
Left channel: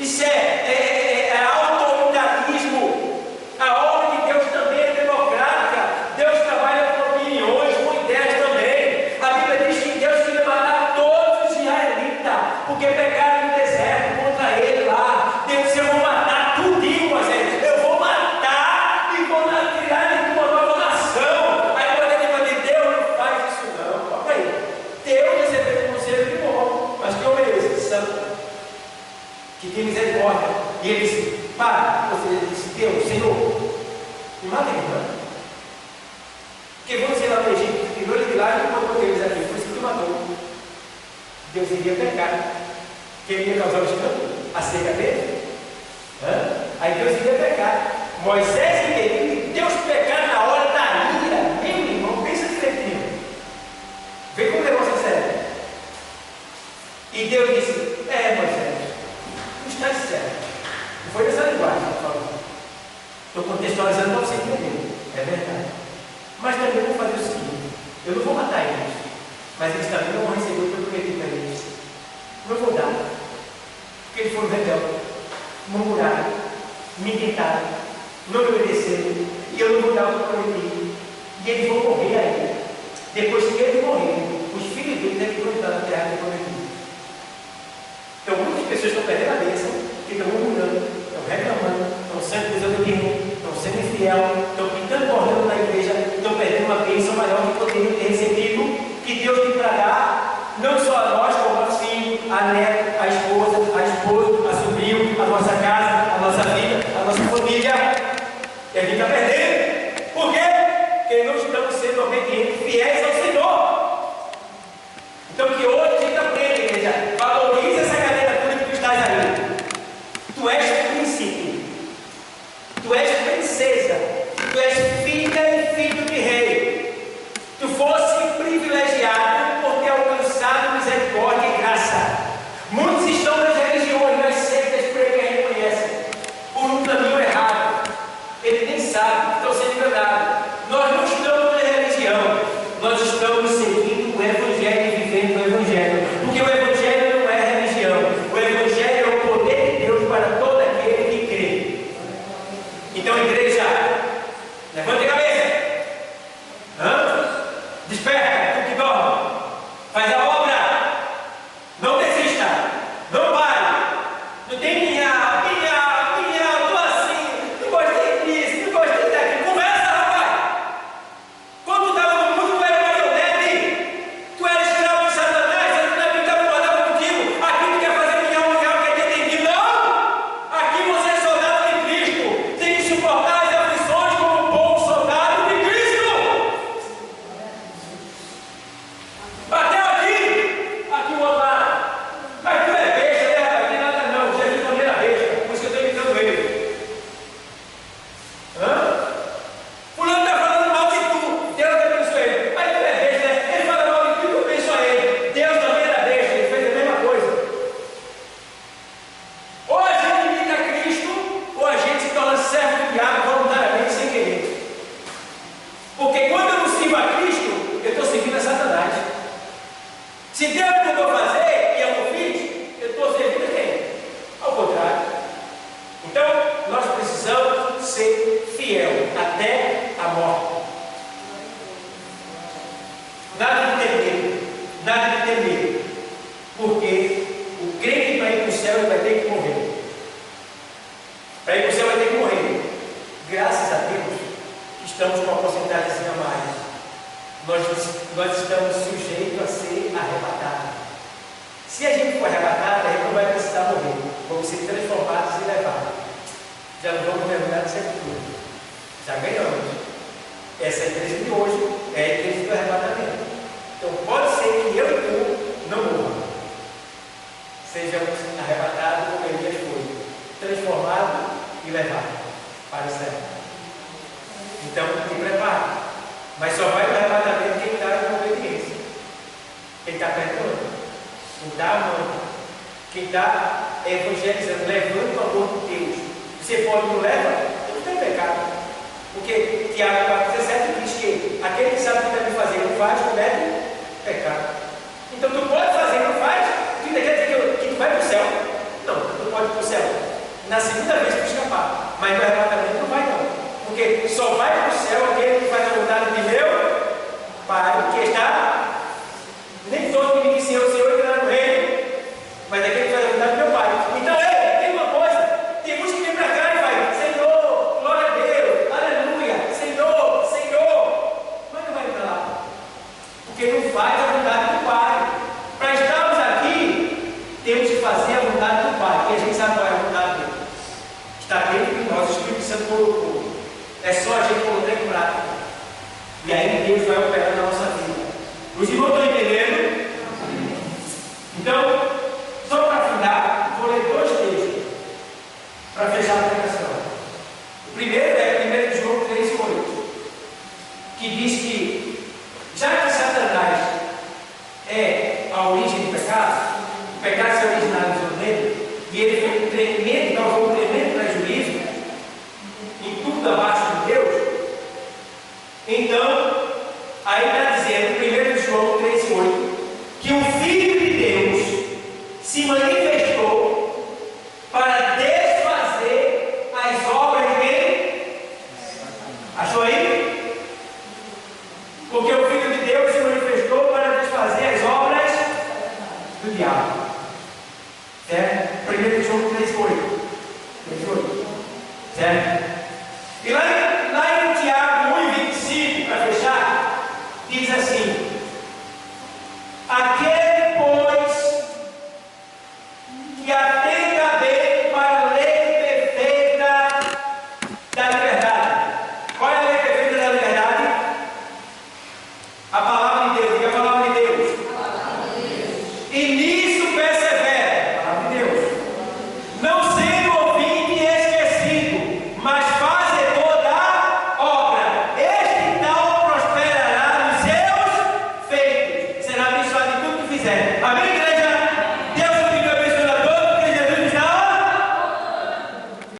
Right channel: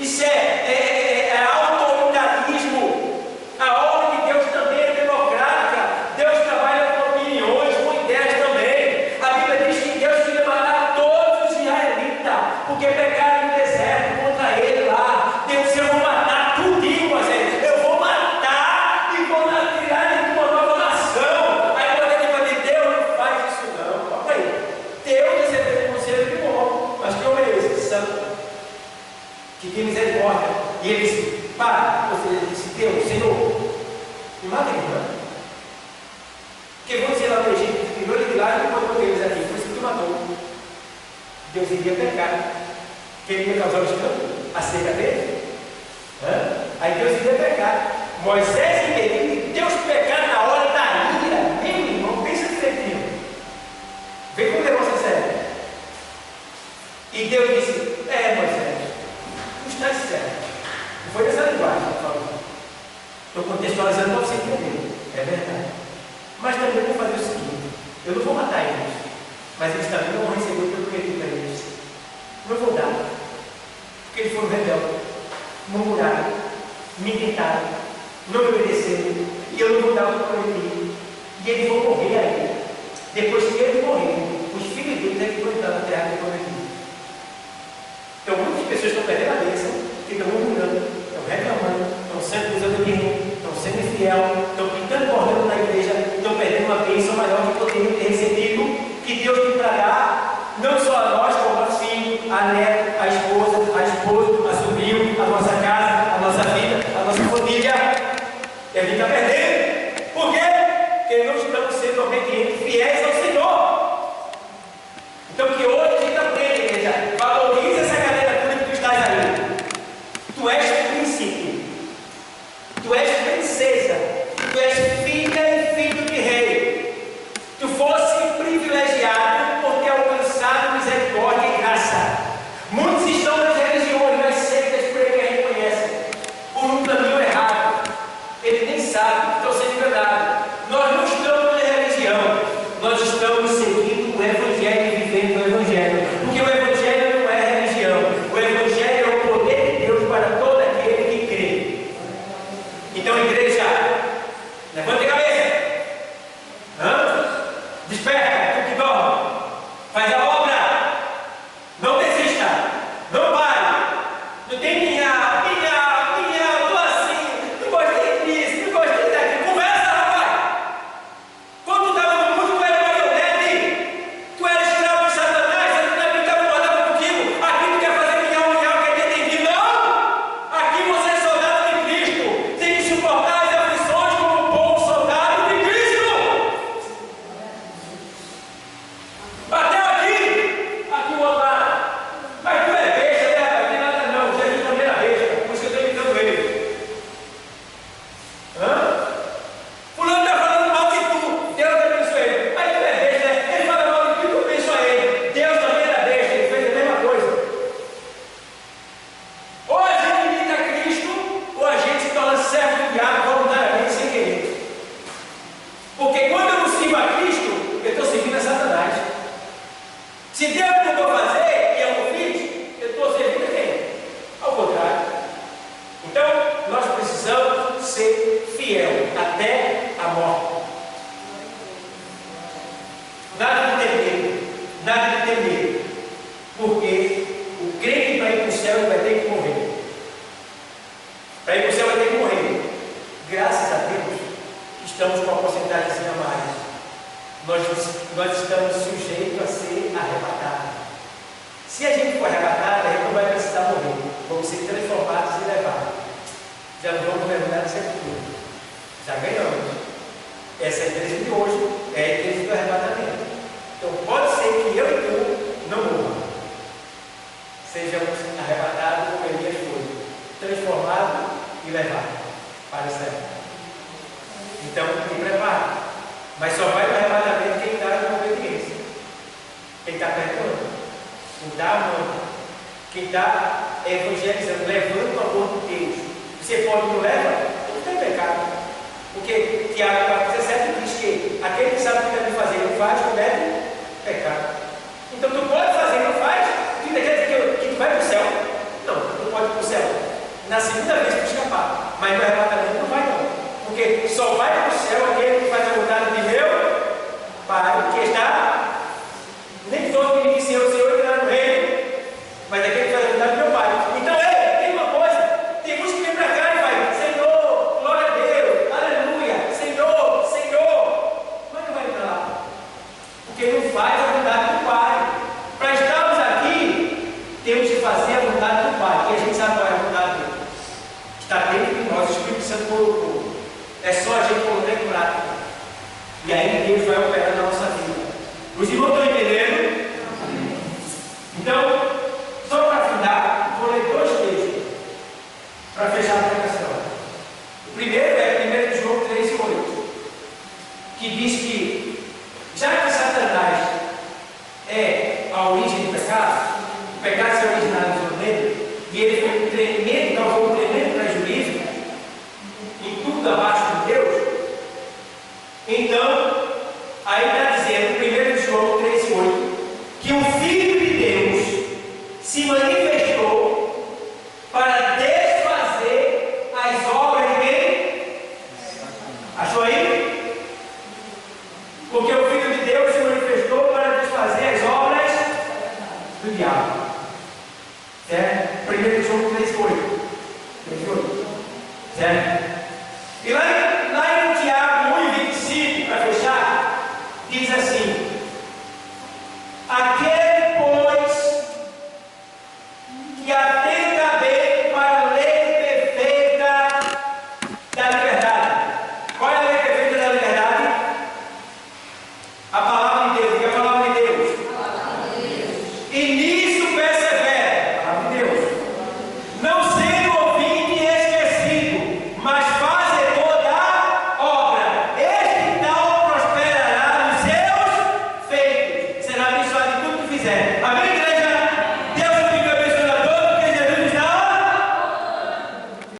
Isso é autoritarismo. A obra de Deus também é democrática. Deus trabalha com opiniões, com ideias também. A Bíblia diz que Deus queria matar todos os israelitas, porque pecaram no deserto contra Ele lá. Deus disse: eu vou matar tudinho, Moisés. Eu vou matar e vou criar de uma nova nação. Aí quando ele vai dizer: Deus não faz isso não. Calma aí. Deus recebeu um conselho de bom, mas que homem é esse? Santo, que tem misericórdia. E ele disse: para. Você disse: Deus, Senhor, me mata aqui, não? Porque vão dizer lá no Egito, que tirou ele de lá e não botou eles aqui. Por isso que tu matou. Deus iria pecar. Quem ia causar o escândalo? A seca dele? Aí Deus iria pecar. Moisés e Deus pecar na hora da ira. Meu irmão, pensa direitinho. Vê como o negócio é sério. E Deus disse: Moisés, tu estás certo. Não foi nessa linguagem que eu falo. Estou contextualizando para você entender. É verdade. Mas também vou fazer o seguinte: eu não vou matar eles, mas eles também não vão receber o que eu prometi para eles. Não vou dar, porque eles foram rebeldes, murmuraram, me tentaram, não me obedeceram, e eu não vou dar o que eu prometi. E eles vão morrer aí. Depois que eles morrerem, os filhos deles é que vão entrar na terra que eu prometi. Então muitas pessoas estão perdendo a bênção, que estão murmurando, estão reclamando, estão sendo desobedientes, estão sendo infiel, estão pintando cordão na igreja, estão perdendo uma bênção maior que poderiam ter recebido, que Deus tem para dar, não só a nós, como a filho, a neta, a esposa, a sobrinho, a nossa casa, a nossa vida, a nossa família. E a gente está perdendo. Por quê? Porque não estamos sendo obedientes, fiéis ao Senhor. Então que hoje a gente aprende, igreja, valorize essa galera toda que tu estás aí. Tu és príncipe, tu és princesa, tu és filha e filho de rei. Tu fosse privilegiado por ter alcançado misericórdia e graça. Muitos estão nas religiões, nas seitas por aí que a gente conhece, por um caminho errado. Ele nem sabe, estão sendo enganados. Nós não estamos na religião, nós estamos seguindo o Evangelho e vivendo o Evangelho. Porque o Evangelho não é religião, o Evangelho é o poder de Deus para todo aquele que crê. Então, igreja, levante a cabeça. Desperta, tu que dorme. Faz a obra. Não desista. Não pare. Não tem minha, tô assim. Não gostei disso, não gostei daquilo. Conversa, rapaz. Quando tu estava no mundo, tu era marionete. Tu era escravo de Satanás. Satanás ficava incomodado contigo. Aqui tu quer fazer milhão, quer ter entendido? Não. Aqui você é soldado de Cristo. Tem que suportar as aflições como um bom soldado. ser fiel até a morte. Nada de ter medo, nada de ter medo, porque o crente para ir para o céu ele vai ter que morrer. Para ir para o céu vai ter que morrer. Graças a Deus que estamos com uma porcentagem a mais. Nós estamos sujeitos a ser arrebatados. Se a gente for arrebatado, a gente não vai precisar morrer. Vamos ser transformados e levados. Já não vamos mergulhar na sepultura. Já ganhamos. Essa é a igreja de hoje, é a igreja do arrebatamento. Então pode ser que eu e tu não morram. Sejamos arrebatados como Elias foi, transformados e levados para o céu. Então, te prepara. Mas só vai para o arrebatamento quem está em obediência. Quem está perdoando. Quem está amando. Quem está evangelizando, levando o amor de Deus. Você pode não levar, não tem pecado. Porque Tiago 4,17 diz que aquele que sabe o que deve fazer não faz, comete pecado. Então tu pode fazer, não faz, tu ainda quer dizer que tu vai para o céu? Não, tu não pode ir para o céu. Na segunda vez tu escapar, mas no arrebatamento não vai não. Porque só vai para o céu aquele que faz a vontade de meu Pai, que está, nem todo que iniciou o Senhor entrará no reino, mas aquele que faz a vontade de meu Pai. Então, tem uma coisa, tem muitos que vêm para cá e vai, Senhor, glória a Deus, aleluia, Senhor, Senhor, mas não vai para lá, porque não faz a vontade do Pai. Para estarmos aqui, temos que fazer a vontade do Pai, e a gente sabe qual é a vontade dele. Está dentro de nós, o Espírito Santo colocou. É só a gente colocar em prática. E aí Deus vai operar na nossa vida. Os irmãos estão entendendo? Então, só para afinar, vou ler dois textos para fechar a pregação. O primeiro é 1 João 3,8, que diz que, já que Satanás é a origem do pecado, o pecado se originalizou nele, e ele foi um tremendo, causou um tremendo prejuízo em tudo abaixo de Deus. Então, aí está dizendo, 1 João 3,8, que o Filho de Deus se manifestou para desfazer as obras de quem? Achou aí? Porque o Filho de Deus se manifestou para desfazer as obras do diabo. Certo? 1 João 3,8. Certo? E lá em Tiago 1,25, para fechar, diz assim: aquele, pois, que atenta bem para a lei perfeita da liberdade. Qual é a lei perfeita da liberdade? A palavra de Deus. Diga a palavra de Deus. E nisso persevera. A palavra de Deus. Não sendo ouvinte e esquecido, mas fazedor da obra. Este tal prosperará nos seus feitos. Será abençoado em tudo que fizer. Amém?